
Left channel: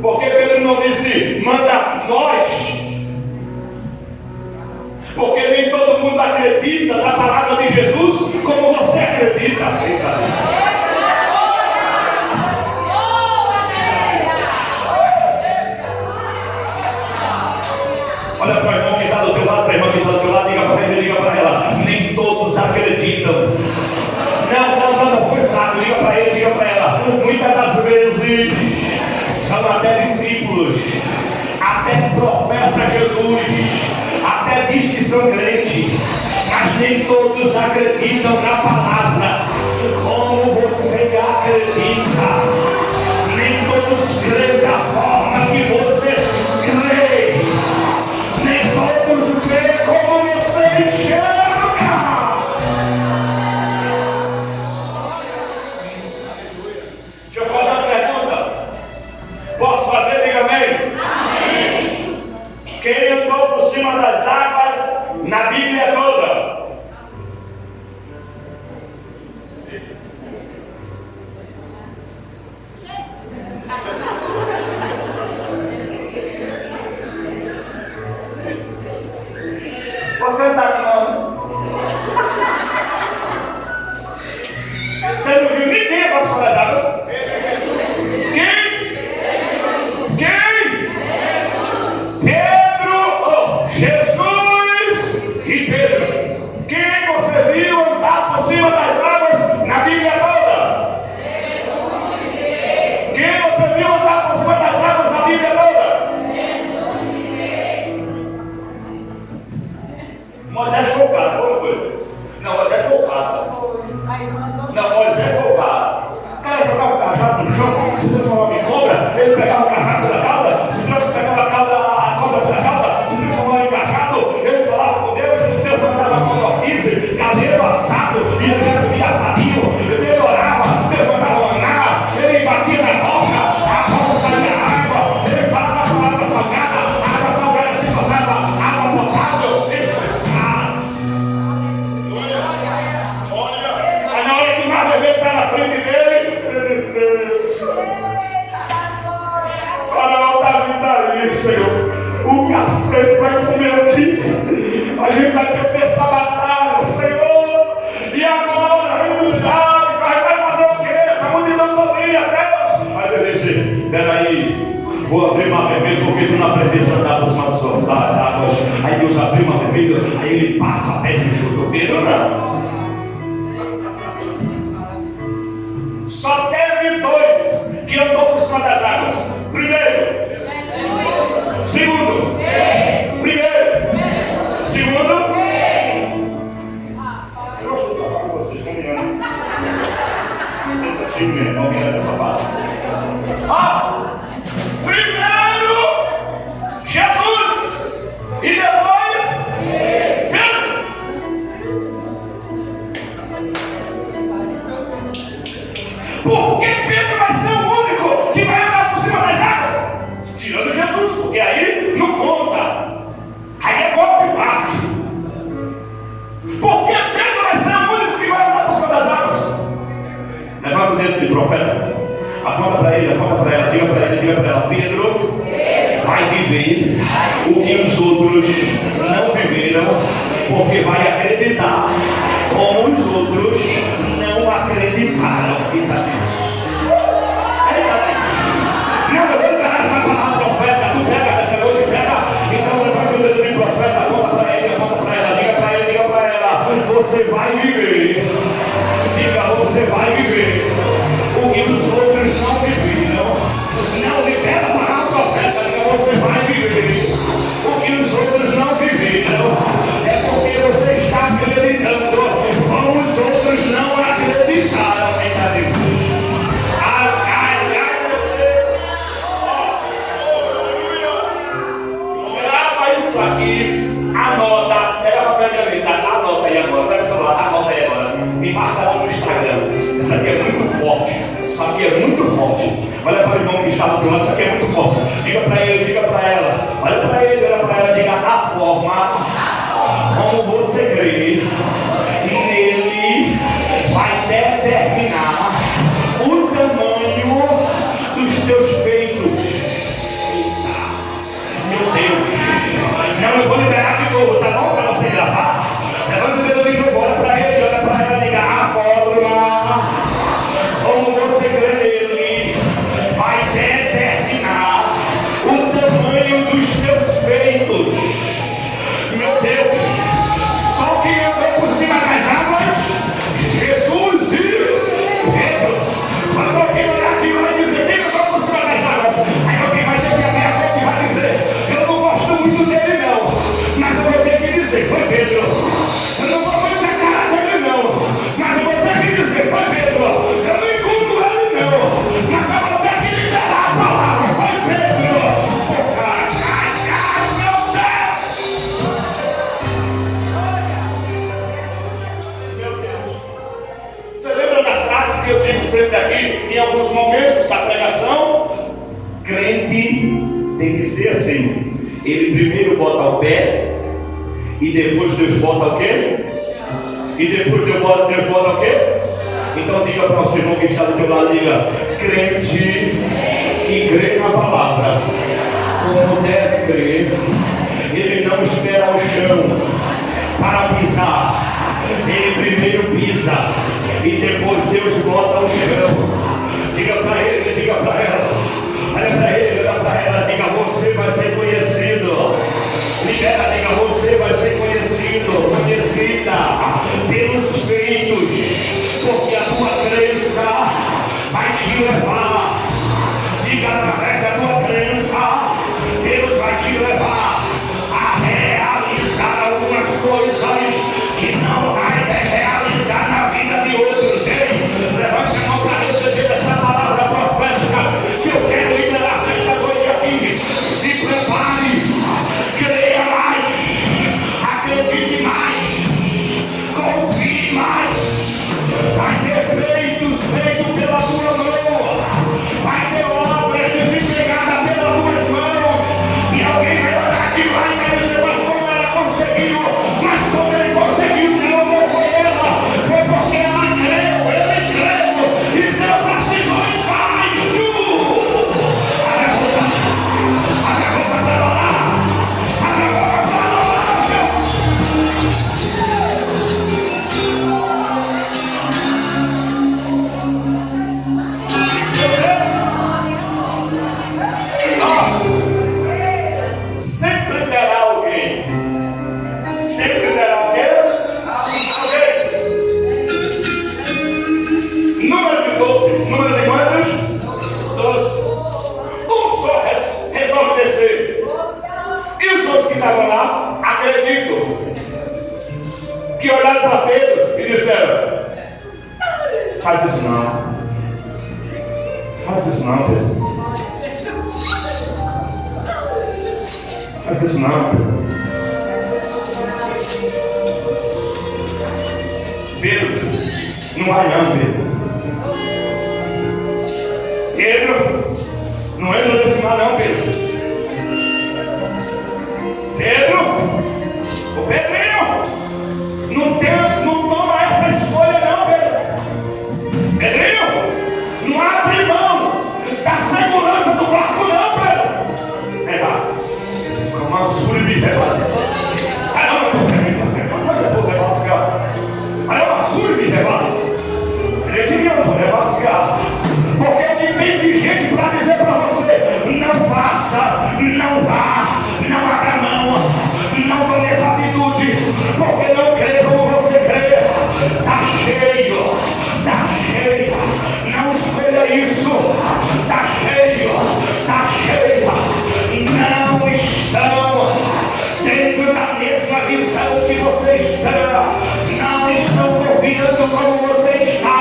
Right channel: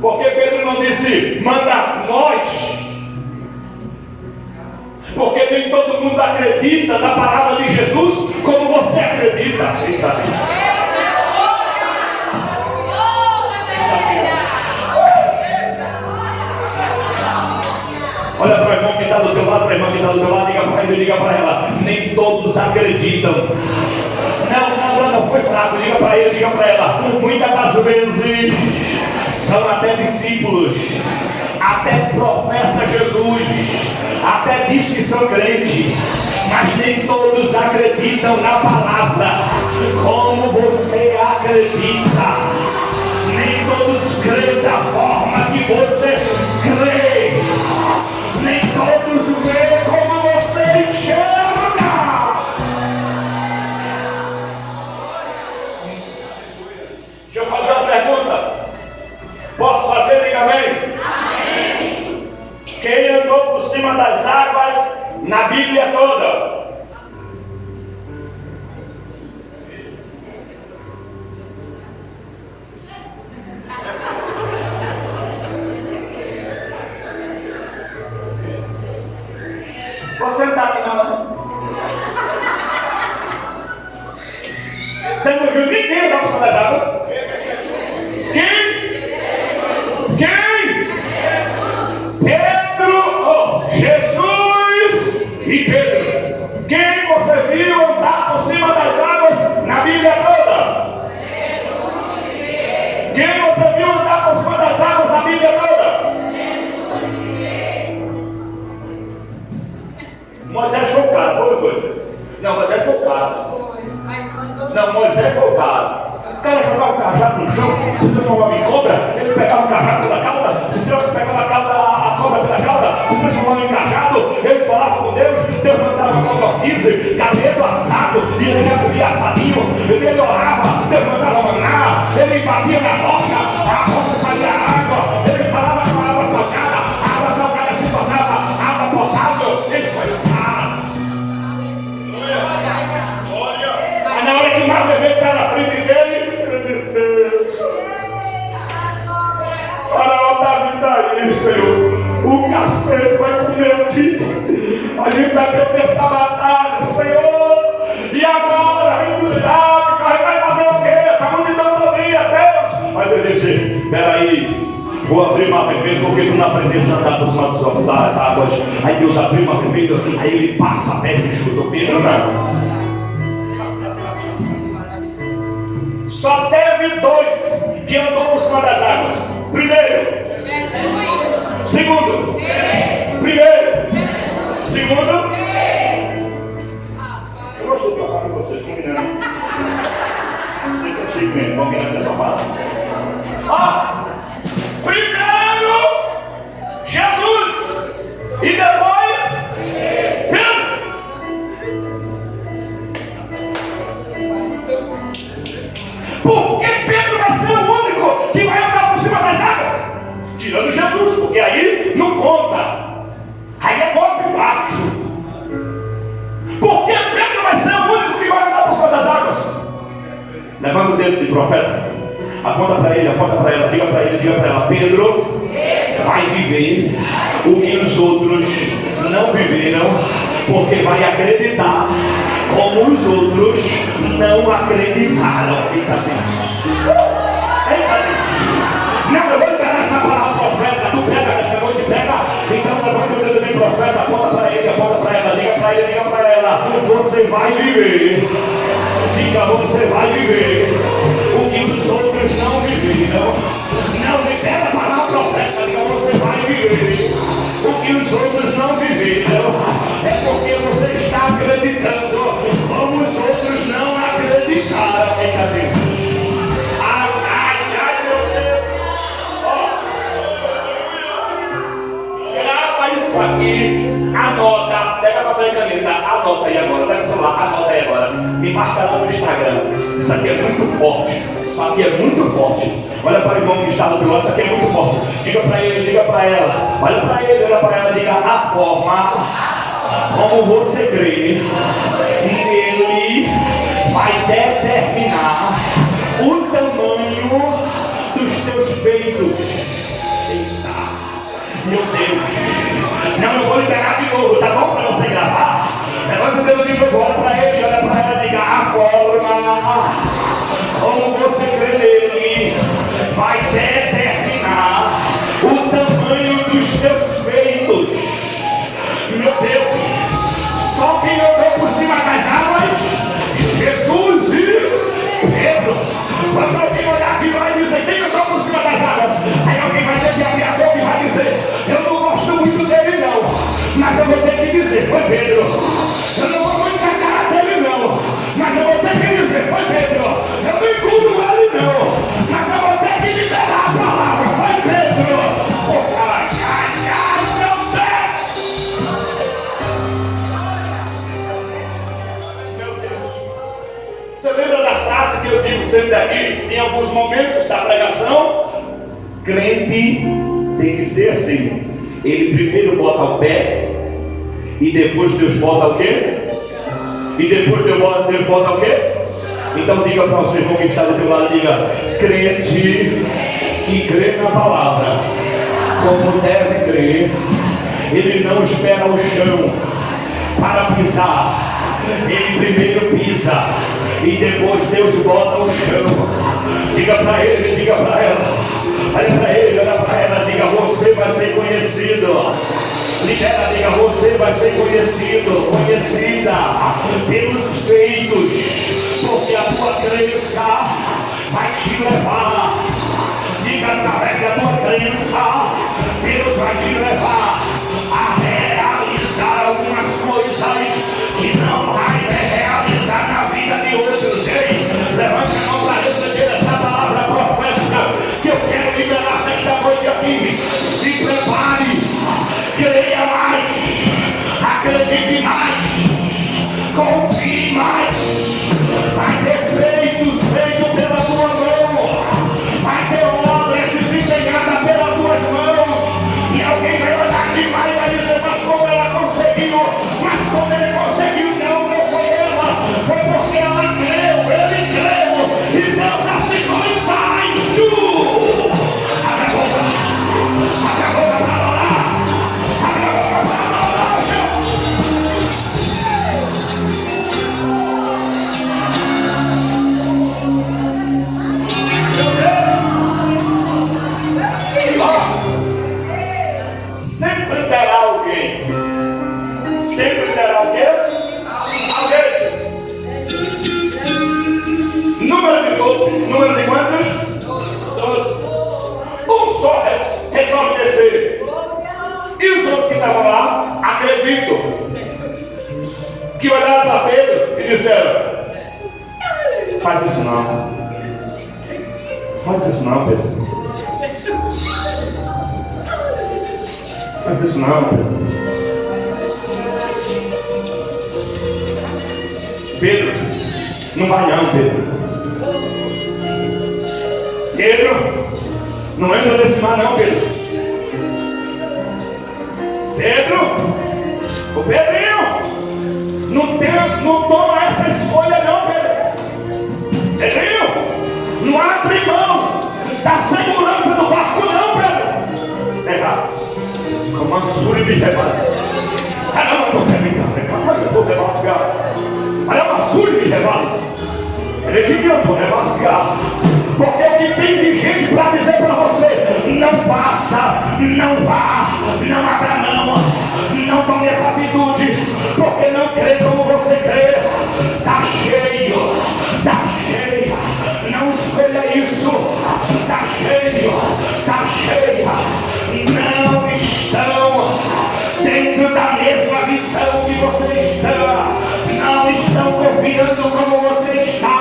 Porque Pedro não disse manda nós, porque nem todo mundo acredita na palavra de Jesus como você acredita. Olha para o irmão que está do teu lado, para a irmã que está do teu lado, diga para ele, diga para ela: nem todos acreditam. Não foi fraco, diga para ele, diga para ela. Muitas das vezes são até discípulos, até professa Jesus, até diz que são crentes, mas nem todos acreditam na palavra como você acredita. Nem todos creem da forma que você crê. Nem todos veem como você enxerga. Deixa eu fazer uma pergunta. Posso fazer? Diga amém. Amém. Quem andou por cima das águas na Bíblia toda? vai para cima das águas? Quem? Pedro, Jesus e Pedro. Quem você viu andar por cima das águas na Bíblia toda? Quem você viu andar por cima das águas na Bíblia toda? Moisés foi o cara, foi? Não, Moisés foi o cara. Não, Moisés foi o cara. O cara jogava o cajado no chão, se transformava em cobra, ele pegava o cajado pela cauda, pegava a cobra pela cauda, se transformava em cajado, ele falava com Deus, Deus mandava codorniz, galeto assado, e ele já comia assadinho, ele orava, Deus mandava maná, ele batia na rocha, a rocha saía água, ele falava com a água salgada se tornava água potável, ele foi cara. Mas na hora que o mar vermelho está na frente dele, Faraó da vida aí, Senhor. O cacete vai comer aqui. A gente vai perder essa batalha, Senhor. E agora a gente não sabe, vai fazer o quê? Essa multidão todinha, Deus. Mas eu disse, peraí, vou abrir mar vermelho, porque tu não aprendeste a andar por cima das águas. Aí Deus abriu mar vermelho, aí ele passa a pé e chuta. Pedro não. Só teve dois que andou por cima das águas. Primeiro, segundo, primeiro, segundo. Eu gosto de sapato com vocês, combinando. Não sei se é chique mesmo, combinando essa sapato. Primeiro, Jesus, e depois, Pedro. Por que Pedro vai ser o único que vai andar por cima das águas? Tirando Jesus, porque aí não conta. Aí é golpe baixo. Por que Pedro vai ser o único que vai andar por cima das águas? Levanta o dedo de profeta. Aponta para ele, aponta para ela, diga para ele, diga para ela. Pedro vai viver o que os outros não viveram, porque vai acreditar como os outros não acreditaram. Eita Deus! Não, eu vou liberar essa palavra profeta. Tu pega nesta noite, pega. Então levanta o dedo de profeta, aponta para ele, aponta para ela, diga para ele, diga para ela. Você vai viver. Diga, você vai viver o que os outros não viveram. Não libera a palavra profeta, diga, você vai viver o que os outros não viveram. É porque você está acreditando como os outros não acreditaram. Eita Deus! Ai, meu Deus! Grava isso aqui, anota, pega papel e caneta, anota aí agora, pega o celular, anota aí agora, e marca lá no Instagram. Isso aqui é muito forte, isso aqui é muito forte. Olha para o irmão que está do outro lado, isso aqui é muito forte. Diga para ele, diga para ela, olha para ele, olha para ela, diga a forma como você crê nele vai determinar o tamanho dos teus feitos. Eita, meu Deus! Não, eu vou liberar de novo, tá bom? Para você gravar. Levanta o dedo de novo, olha para ele, olha para ela, diga a forma como você crê nele vai determinar o tamanho dos teus feitos. Meu Deus! Só quem andou por cima das águas, Jesus e Pedro. Quando alguém olhar aqui vai dizer, quem andou por cima das águas? Aí alguém vai ter que abrir a boca e vai dizer, eu não gosto muito dele não, mas eu vou ter que dizer, foi Pedro. Eu não vou muito na cara dele não, mas eu vou ter que dizer, foi Pedro. Eu não encontro ele não, mas eu vou ter que liberar a palavra, foi Pedro. Você lembra da frase que eu digo sempre aqui, em alguns momentos da pregação? Crente tem que ser assim. Ele primeiro bota o pé, e depois Deus bota o quê? E depois Deus bota o quê? Então diga para o seu irmão que está do teu lado, diga, crente que crê na palavra, como deve crer, ele não espera o chão para pisar. Ele primeiro pisa e depois Deus bota o chão. Diga para ele, diga para ela. Olha para ele, olha para ela. Diga, você vai ser conhecido. Diga, você vai ser conhecido, conhecida pelos feitos, porque a tua crença vai te levar. Diga, através da tua crença, Deus vai te levar a realizar algumas coisas que não vai realizar na vida de outros. Ei, levante a mão para receber essa palavra profética que eu quero liberar nesta noite aqui. Se prepare, creia mais, acredite mais, confie mais. Vai ter feitos feitos pela tua mão, vai ter obras desempenhadas pelas tuas mãos, e alguém vai olhar de lá e vai dizer, mas como ela conseguiu, mas como ele conseguiu, não foi ela, foi porque ela creu, ele creu, e Deus assinou embaixo. Olha a roupa para orar, olha a roupa para orar, sempre terá alguém. Sempre terá alguém. Número de 12. Número de quantos? 12. Um só resolve descer. E os outros que estavam lá, acreditam, que olharam para Pedro e disseram, faz isso não. Faz isso não, Pedro. Faz isso não, Pedro. Pedro, não vai não, Pedro. Pedro, não entra nesse mar não, Pedro. Pedro, o Pedrinho, não toma essa escolha não, Pedro. Pedrinho, não abre mão da segurança do barco não, Pedro. É errado. Como a sua me leva. Caramba, eu tô ele queria negociar, porque o que tem de gente para dizer para você, não faça, não vá, não abra mão, não tome essa atitude, porque não crê como você crê. Está cheio, não escolha isso, está cheio, não estão dentro da mesma visão que você está, não estão confiando como você está,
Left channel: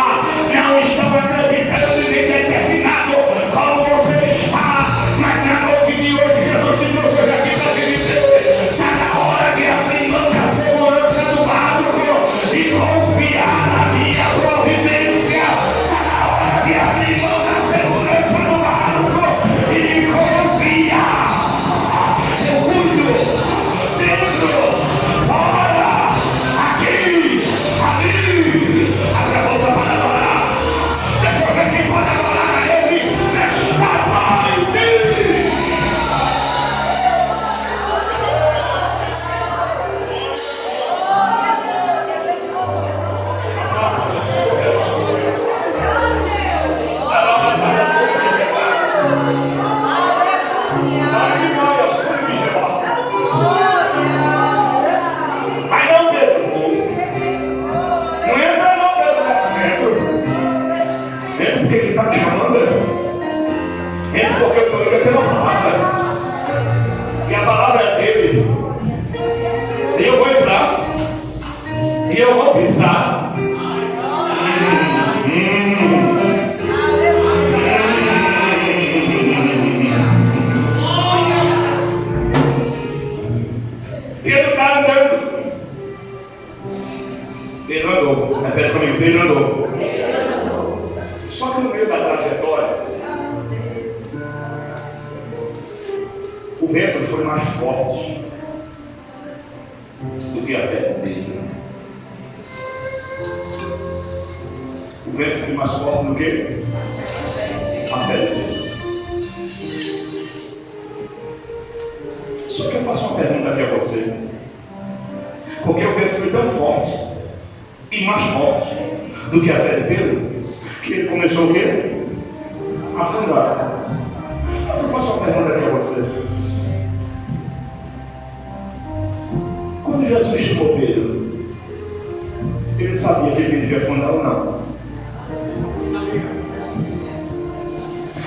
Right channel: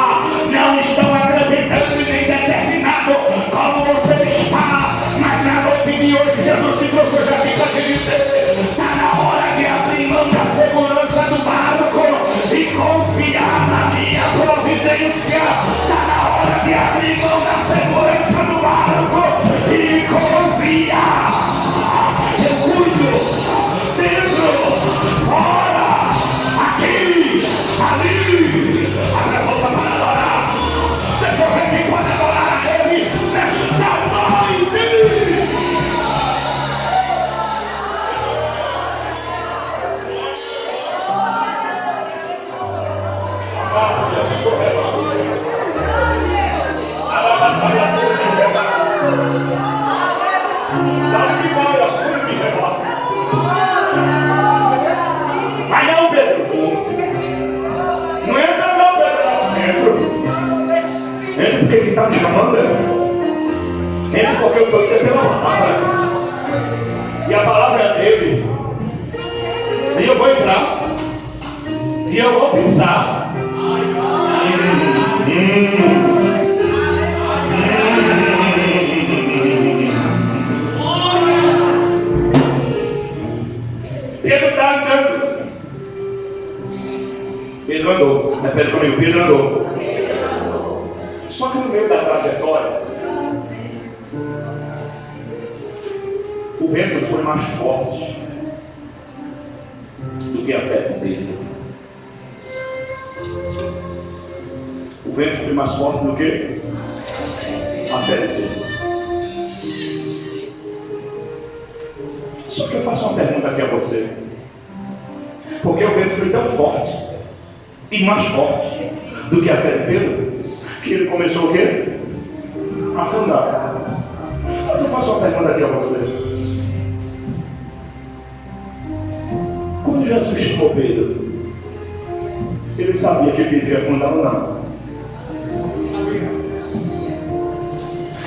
não estão acreditando em determinado como você está, mas na noite de hoje Jesus te trouxe aqui para te dizer, está na hora de abrir mão da segurança do barco e confiar na minha providência, está na hora de abrir mão da segurança do barco e confiar. Eu cuido. Dentro, fora, aqui, ali, abre a boca para adorar. Deixa eu ver quem pode adorar a Ele nesta noite. Vai não, Pedro. Não entra não, Pedro. Entra porque ele está te chamando. Entra porque eu estou indo pela palavra. E a palavra é dele. E eu vou entrar. E eu vou pisar. Pedro está andando. Pedro andou. Repete comigo, Pedro andou. Só que no meio da trajetória, o vento foi mais forte do que a fé dele. O vento foi mais forte do que a fé dele. Só que eu faço uma pergunta aqui a você. Porque o vento foi tão forte e mais forte do que a fé de Pedro, que ele começou o quê? afundar. Mas eu faço uma pergunta aqui a você. Quando Jesus chamou Pedro, ele sabia que Pedro ia afundar ou não?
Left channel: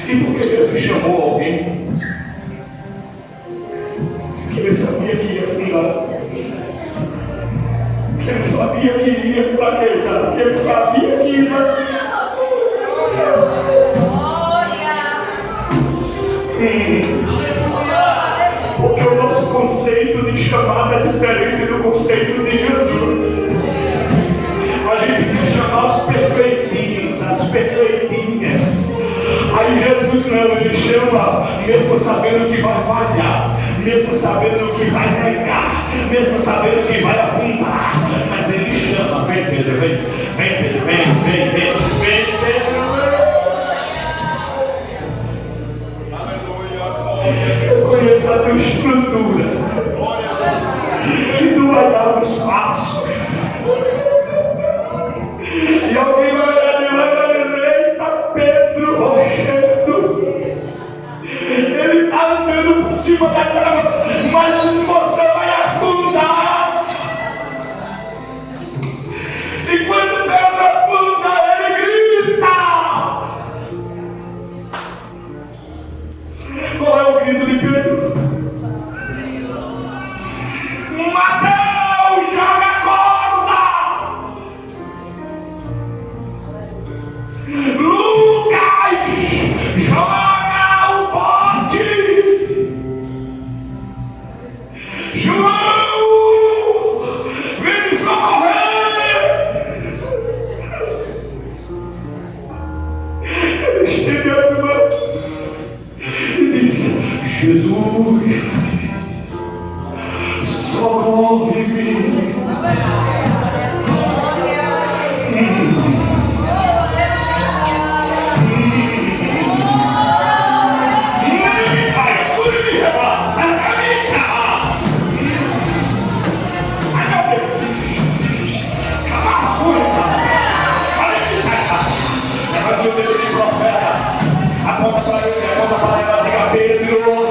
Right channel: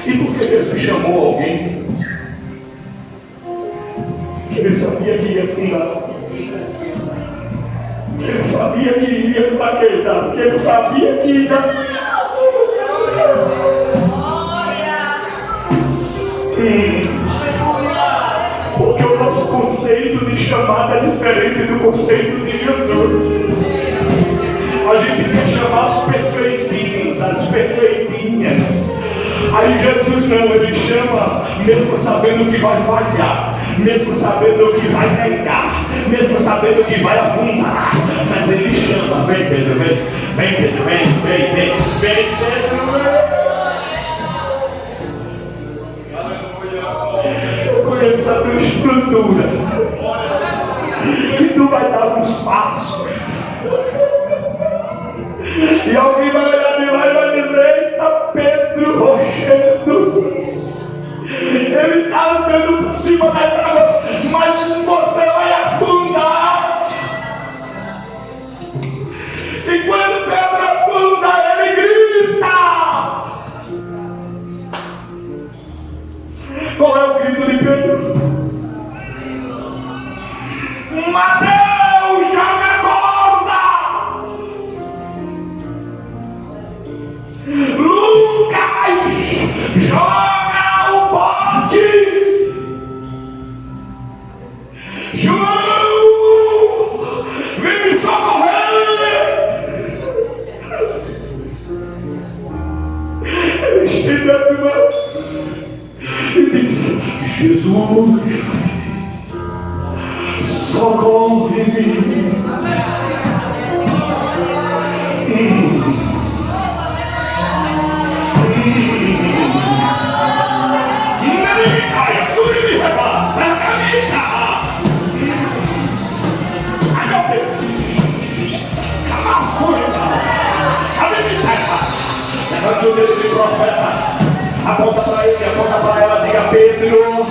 E por que Jesus chamou alguém que ele sabia que ia afundar? Que ele sabia que iria fraquejar, que ele sabia que ia... Porque o nosso conceito de chamada é diferente do conceito de Jesus. A gente quer chamar os perfeitinhos, as perfeitinhas. Aí Jesus não, ele chama mesmo sabendo que vai falhar, mesmo sabendo que vai negar, mesmo sabendo que vai afundar. Mas ele chama, vem Pedro, vem Pedro, vem Pedro. Eu conheço a tua estrutura, que tu vai dar um espaço. E alguém vai olhar de lá e vai dizer: eita, Pedro rochendo. Ele está andando por cima das águas, mas você vai afundar. E quando Pedro afunda, ele grita. Qual é o grito de Pedro? Mateus, joga a corda! Lucas, joga o bote! João, vem me socorrer! Ele estende as mãos e diz: Jesus, socorre-me. Levante o dedo de profeta, aponta para ele, aponta para ela, diga: Pedro,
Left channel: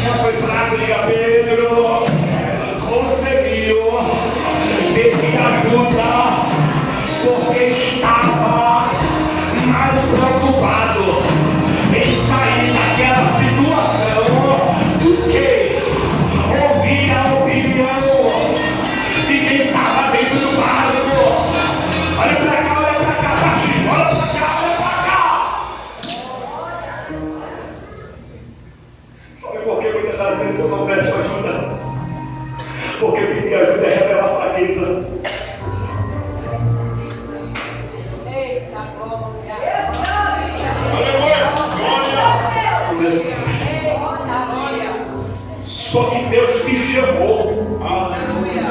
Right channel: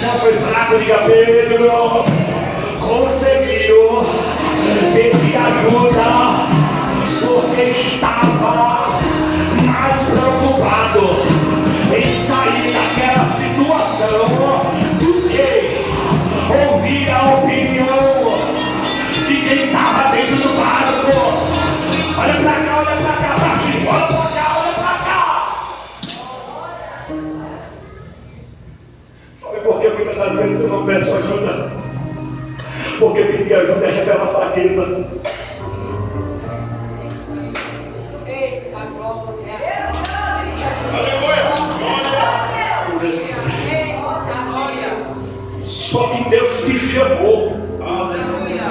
já foi fraco, diga: Pedro, conseguiu pedir ajuda, porque estava mais preocupado em sair daquela situação do que ouvir a opinião de quem estava dentro do barco. Olha pra cá, baixinho, olha pra cá. Sabe por que muitas das vezes eu não peço ajuda? Porque pedir ajuda é revelar fraqueza. Eita, glória! Aleluia! Só que Deus te chamou. Aleluia!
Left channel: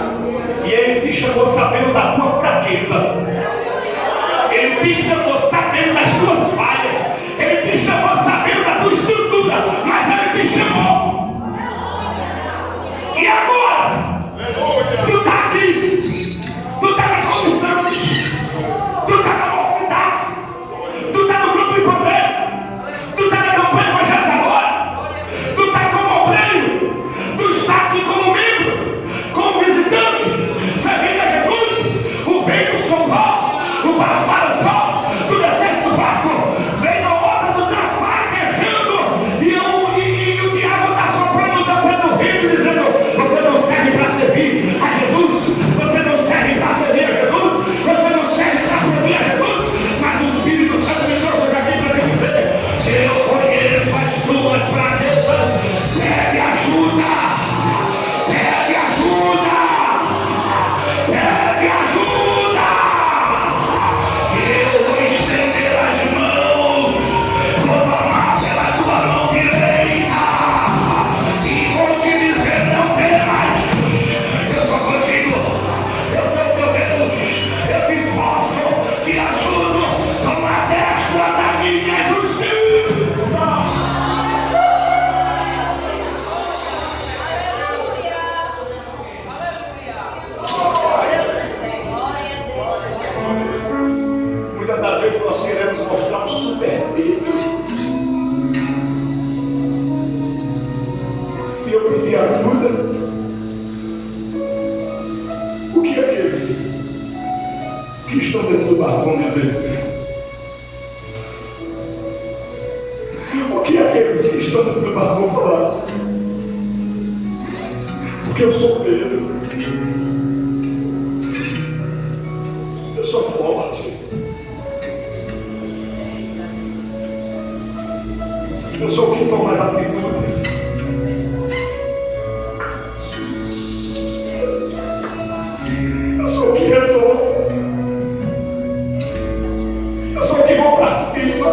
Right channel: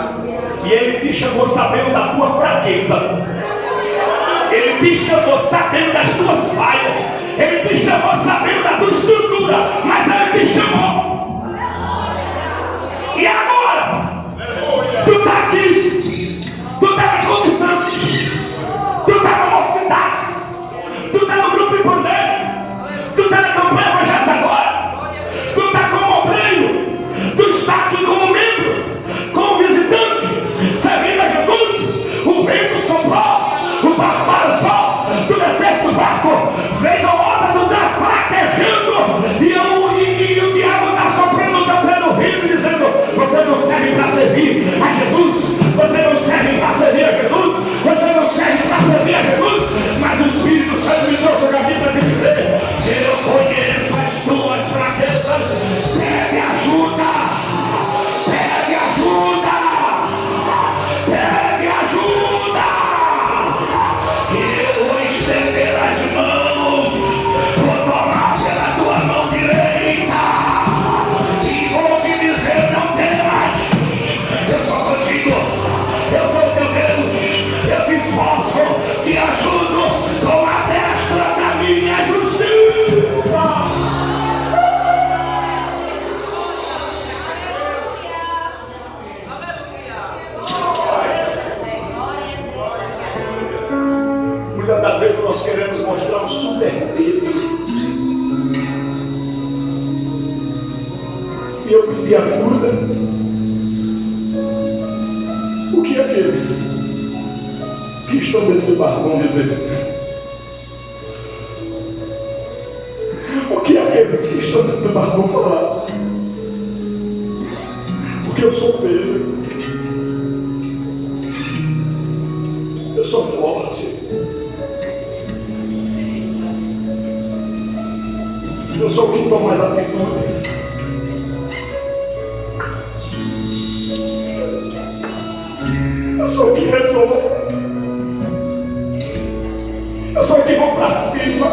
E Ele te chamou sabendo da tua fraqueza. Ele te chamou sabendo das tuas falhas. Ele te chamou sabendo da tua estrutura. Mas Ele te chamou. E agora? Tu está aqui. Tu está na comissão. Tu está na mocidade. Tu está no grupo de poder. Tu está na campanha Evangelhos Agora. Tu está como obreiro. Tu está aqui como membro, como visitante, servindo a Jesus. O vento soprou, o barco balançou, tu desceste do barco, vez ou outra tu está fraquejando, e o diabo está soprando o tapete no rio, dizendo: você não serve te ajuda? O que aqueles que estão dentro do barco vão dizer? O que aqueles que estão dentro do barco vão falar? Porque eu sou Pedro, eu sou forte, eu sou o que toma as atitudes, eu sou o que resolve, eu sou o que vou para cima,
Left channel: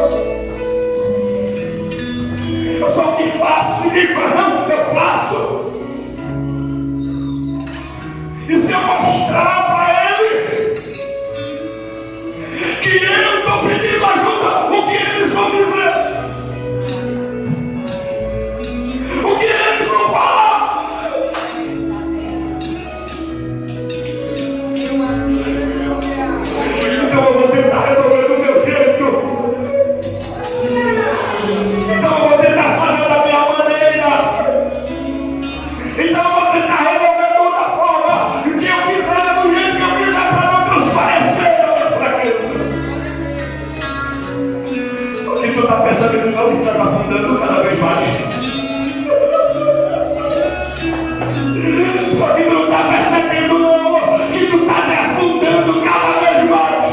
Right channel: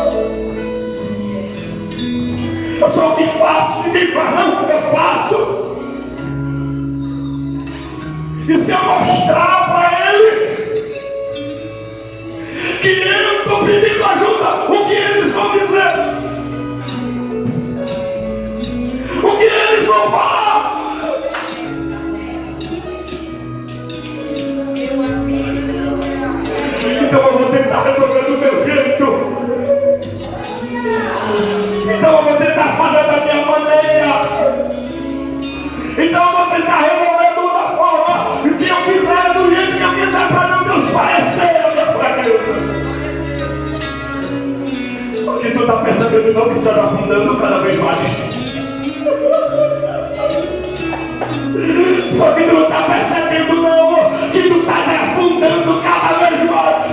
eu sou o que faço, ninguém faz não, eu faço. E se eu mostrar para eles que eu estou pedindo ajuda, o que eles vão dizer? O que eles vão falar? Então eu vou tentar resolver do meu jeito. Então eu vou tentar fazer da minha maneira. Então eu vou tentar resolver de outra forma. O que eu quiser, do jeito que eu quiser, para não transparecer a minha fraqueza. Só que tu está percebendo não que estás afundando cada vez mais. Só que tu não está percebendo não que tu estás afundando cada vez mais.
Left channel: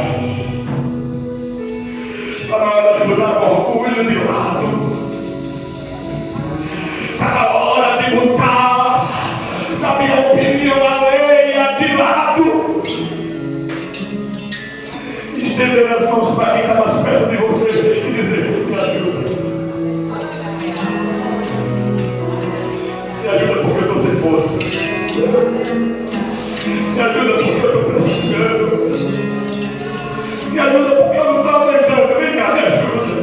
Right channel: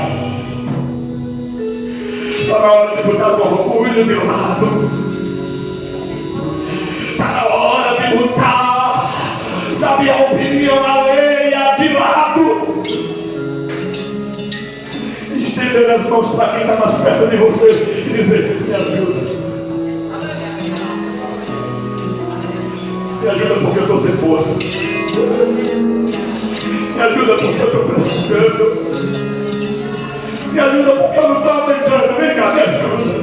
Está na hora de botar o orgulho de lado. Está na hora de botar, sabe, a opinião alheia de lado. Estender as mãos para quem está mais perto de você e dizer: me ajuda. Me ajuda porque eu estou sem força. Me ajuda porque eu estou precisando. Me ajuda porque eu não estou aguentando. Vem cá, me ajuda.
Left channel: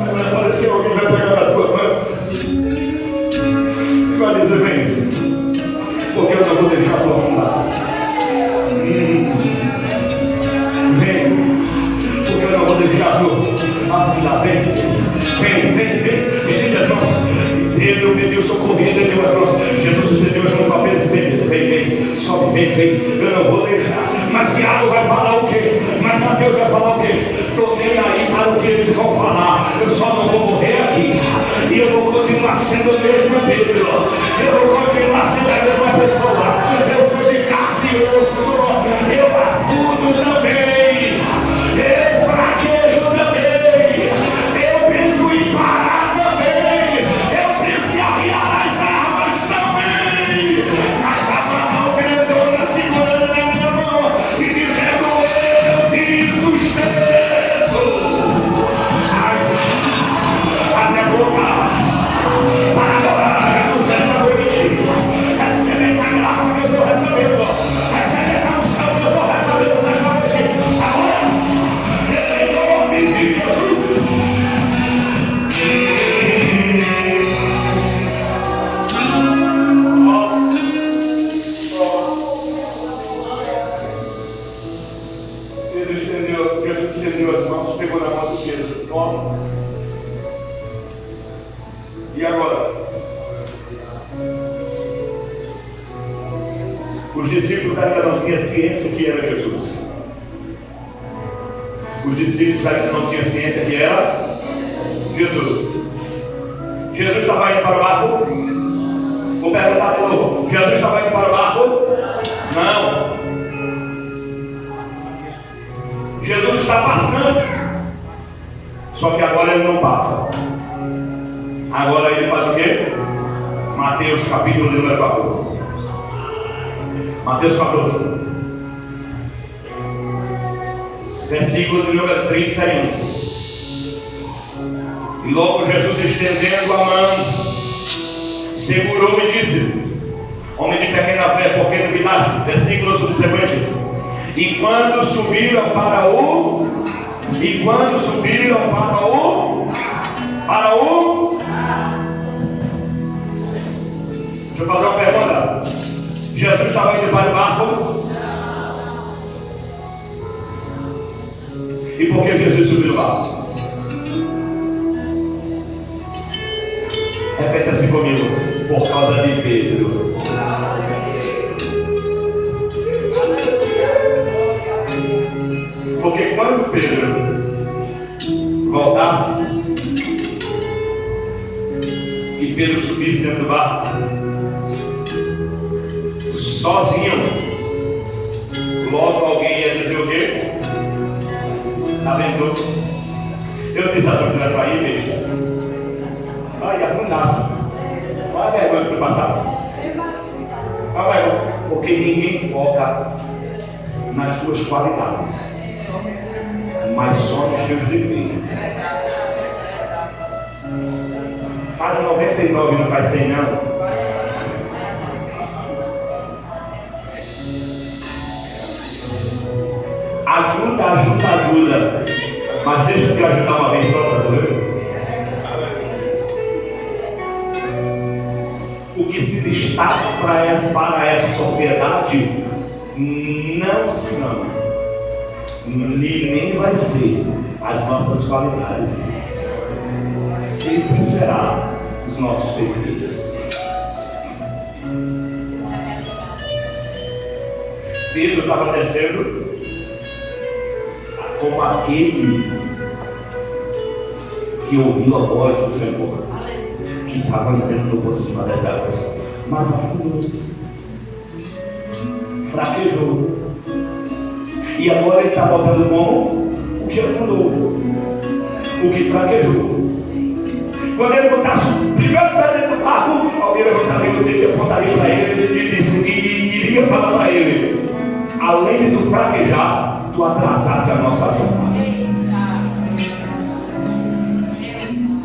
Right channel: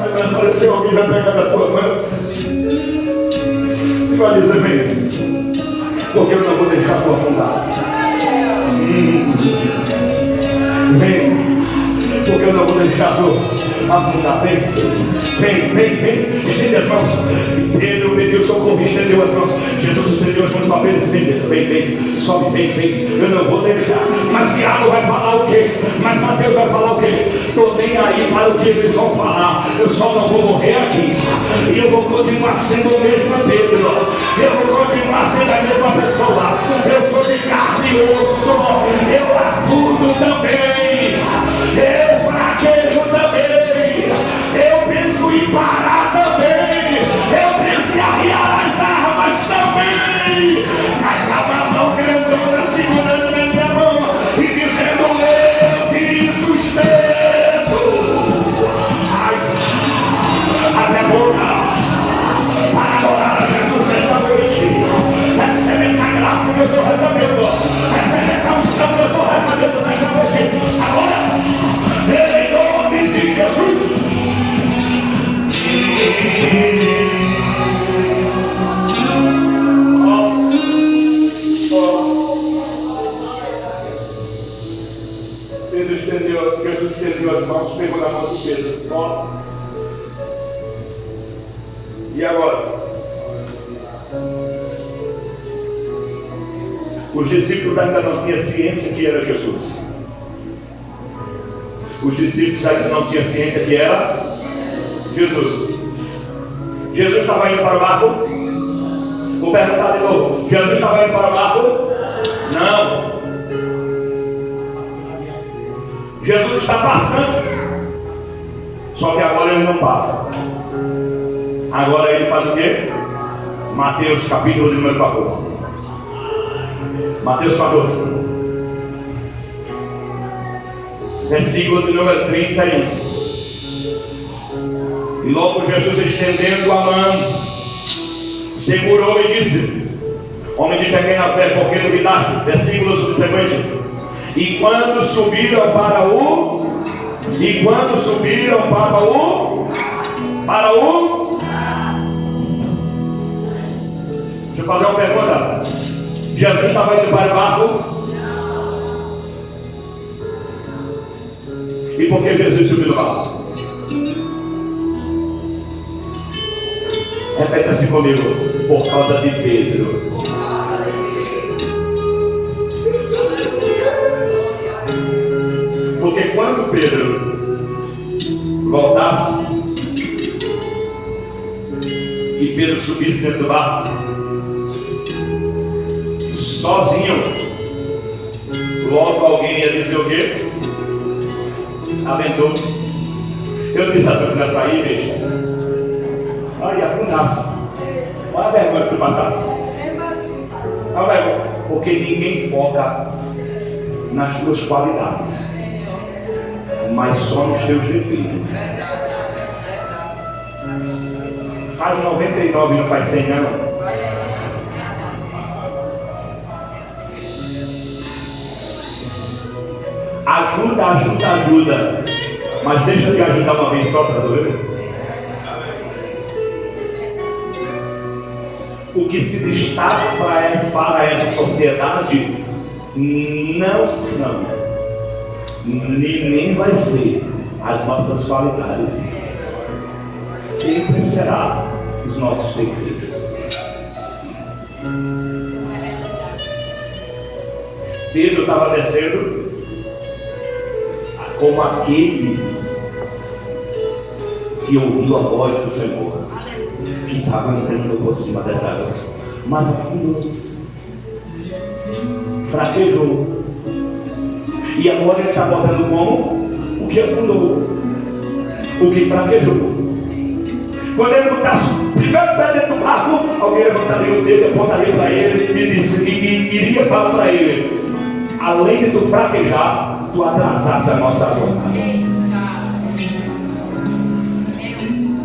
Aí vai aparecer alguém, vai pegar na tua mão e vai dizer: vem, porque eu não vou deixar tu afundar. Vem, porque eu não vou deixar tu afundar. Vem, estende as mãos. Pedro pediu socorro, estendeu as mãos. Jesus estendeu as mãos para Pedro. Vem, sobe, vem. Eu não vou deixar. Mas Tiago vai falar o quê? Mas Mateus vai falar o quê? Estou nem aí para o que eles vão falar. Eu só não vou morrer aqui. E eu vou continuar sendo o mesmo Pedro. Eu vou continuar sendo a mesma pessoa. Eu sou de carne e osso. Eu acudo também. Eu fraquejo também. Eu penso em parar também. Eu penso em arriar as armas também. Mas a mão grandona segurando na minha mão e dizendo: eu te sustento. Abre a boca para adorar a Jesus nesta noite. Recebe essa graça que eu estou recebendo. Recebe essa unção que eu estou recebendo nesta noite. Agora, em nome de Jesus. Jesus estendeu as mãos, pegou na mão do Pedro. Toma. E agora? Os discípulos ainda não tinham ciência que era Jesus. Os discípulos ainda não tinham ciência que era Jesus. Jesus estava indo para o barco? Vou perguntar de novo. Jesus estava indo para o barco? Não. Jesus está passando. Só que agora ele não passa. Agora ele faz o quê? Mateus capítulo de número 14. Mateus 14. Versículo de número 31. E logo Jesus, estendendo a mão, segurou e disse: homem de pequena fé, por que duvidaste? Versículo subsequente. E quando subiram para o deixa eu fazer uma pergunta. Jesus estava indo para o barco? E por que Jesus subiu no barco? Repete assim comigo: por causa de Pedro. Porque quando Pedro voltasse e Pedro subisse dentro do barco, sozinho, logo alguém ia dizer o quê? Aventou. Eu disse a tua filha para ir, deixa. Olha, afundasse. Olha a vergonha que tu passasse. Olha a vergonha. Porque ninguém foca nas tuas qualidades, mas só nos teus defeitos. Faz 99 e não faz 100 não. Ajuda. Mas deixa eu te ajudar uma vez só para tu ver. O que se destaca para essa sociedade não são, nem vai ser as nossas qualidades. Sempre será os nossos defeitos. Pedro estava descendo como aquele que ouviu a voz do Senhor, que estava andando por cima das águas, mas afundou, fraquejou, e agora ele está voltando como o que afundou, o que fraquejou. Quando ele não está brigando para dentro do barco, alguém levantaria o dedo e apontaria para ele e disse, e iria falar para ele: além de tu fraquejar, tu atrasasse a nossa jornada.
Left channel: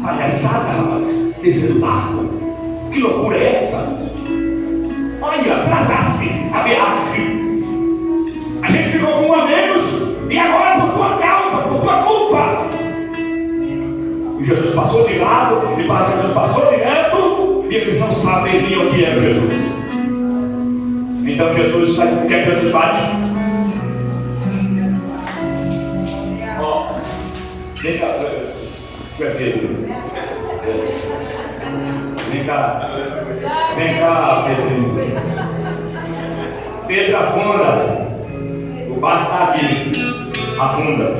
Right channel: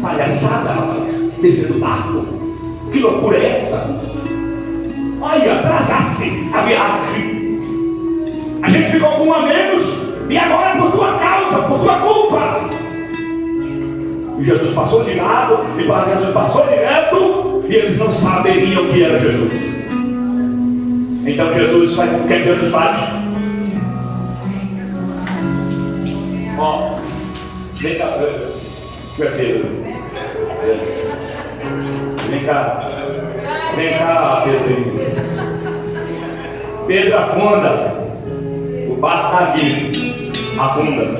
Palhaçada, rapaz, descer do barco. Que loucura é essa? Olha, atrasasse a viagem. A gente ficou com um a menos e agora é por tua causa, por tua culpa. E Jesus passou de lado e Jesus passou direto e eles não saberiam que era Jesus. Então Jesus faz, o que é que Jesus faz? Ó, vem cá, Pedro. Vem cá, Pedro. Pedro afunda. O barco está aqui. Afunda.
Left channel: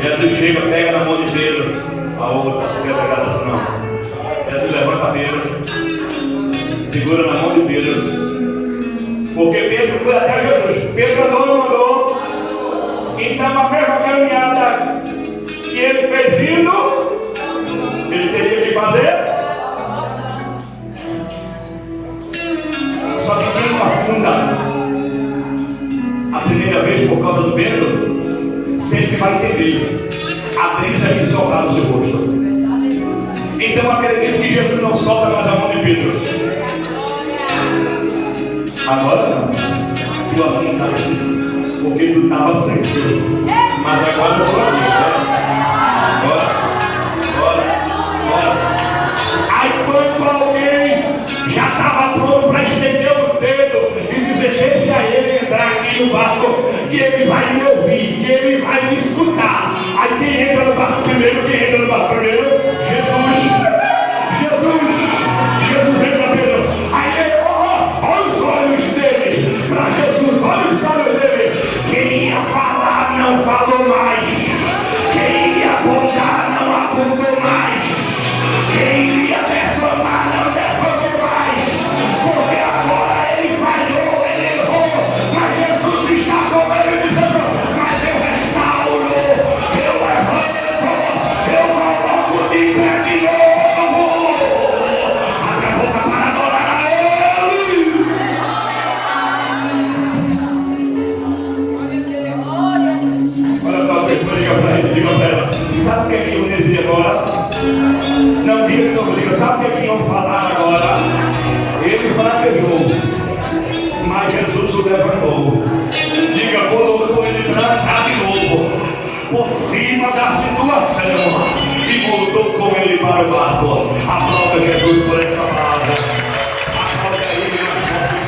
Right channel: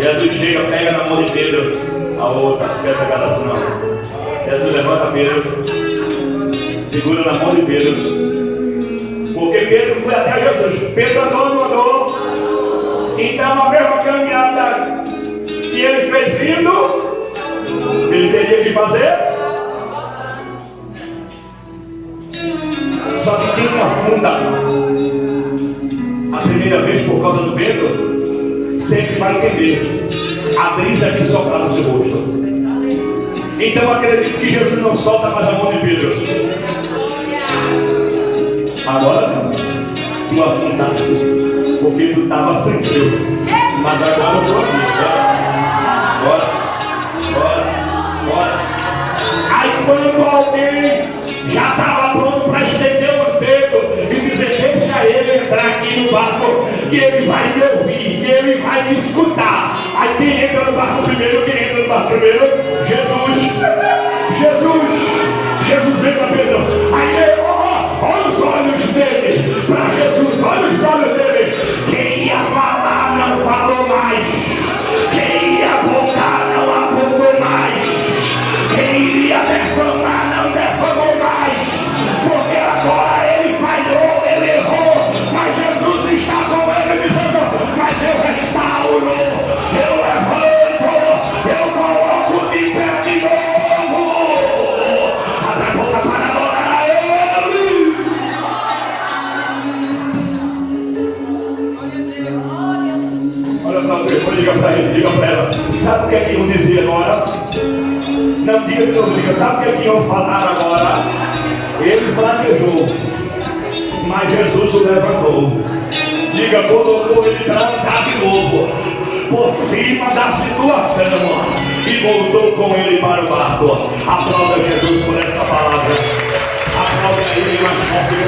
Jesus chega, pega na mão de Pedro. A outra, não quer pegar assim não. Jesus levanta Pedro. Segura na mão de Pedro. Porque Pedro foi até Jesus. Pedro andou, não andou. Então a mesma caminhada que ele fez indo, ele teria que fazer. Só que quem afunda a primeira vez por causa do Pedro, sempre vai entender a brisa que sopra no seu rosto. Então acredito que Jesus não solta mais a mão de Pedro. Agora não. Tu afundasse porque tu estava sem Deus. Mas agora eu estou aqui. Bora. Aí quando alguém já estava pronto para estender o dedo e dizer: deixa ele entrar aqui no barco, que ele vai me ouvir, que ele vai me escutar. Aí quem entra no barco primeiro? Jesus entra, Pedro. Aí olha os olhos dele para Jesus, olha os olhos dele. Quem ia falar não falou mais, quem ia apontar não apontou mais, quem iria defamar não defamou mais, porque agora ele falhou, ele errou, mas Jesus está com ele dizendo: mas eu restauro, eu levanto, eu coloco de pé de novo. Abre a boca para adorar a ele. Olha para ele, diga para ela: sabe o que é que iam dizer agora? Não diga que eu diga, sabe o que é que iam falar agora? Ele fraquejou, mas Jesus o levantou. Diga, colocou ele para andar de novo por cima da situação e voltou com ele para o barco. Aplauda Jesus por essa palavra. Aplauda ele mais forte.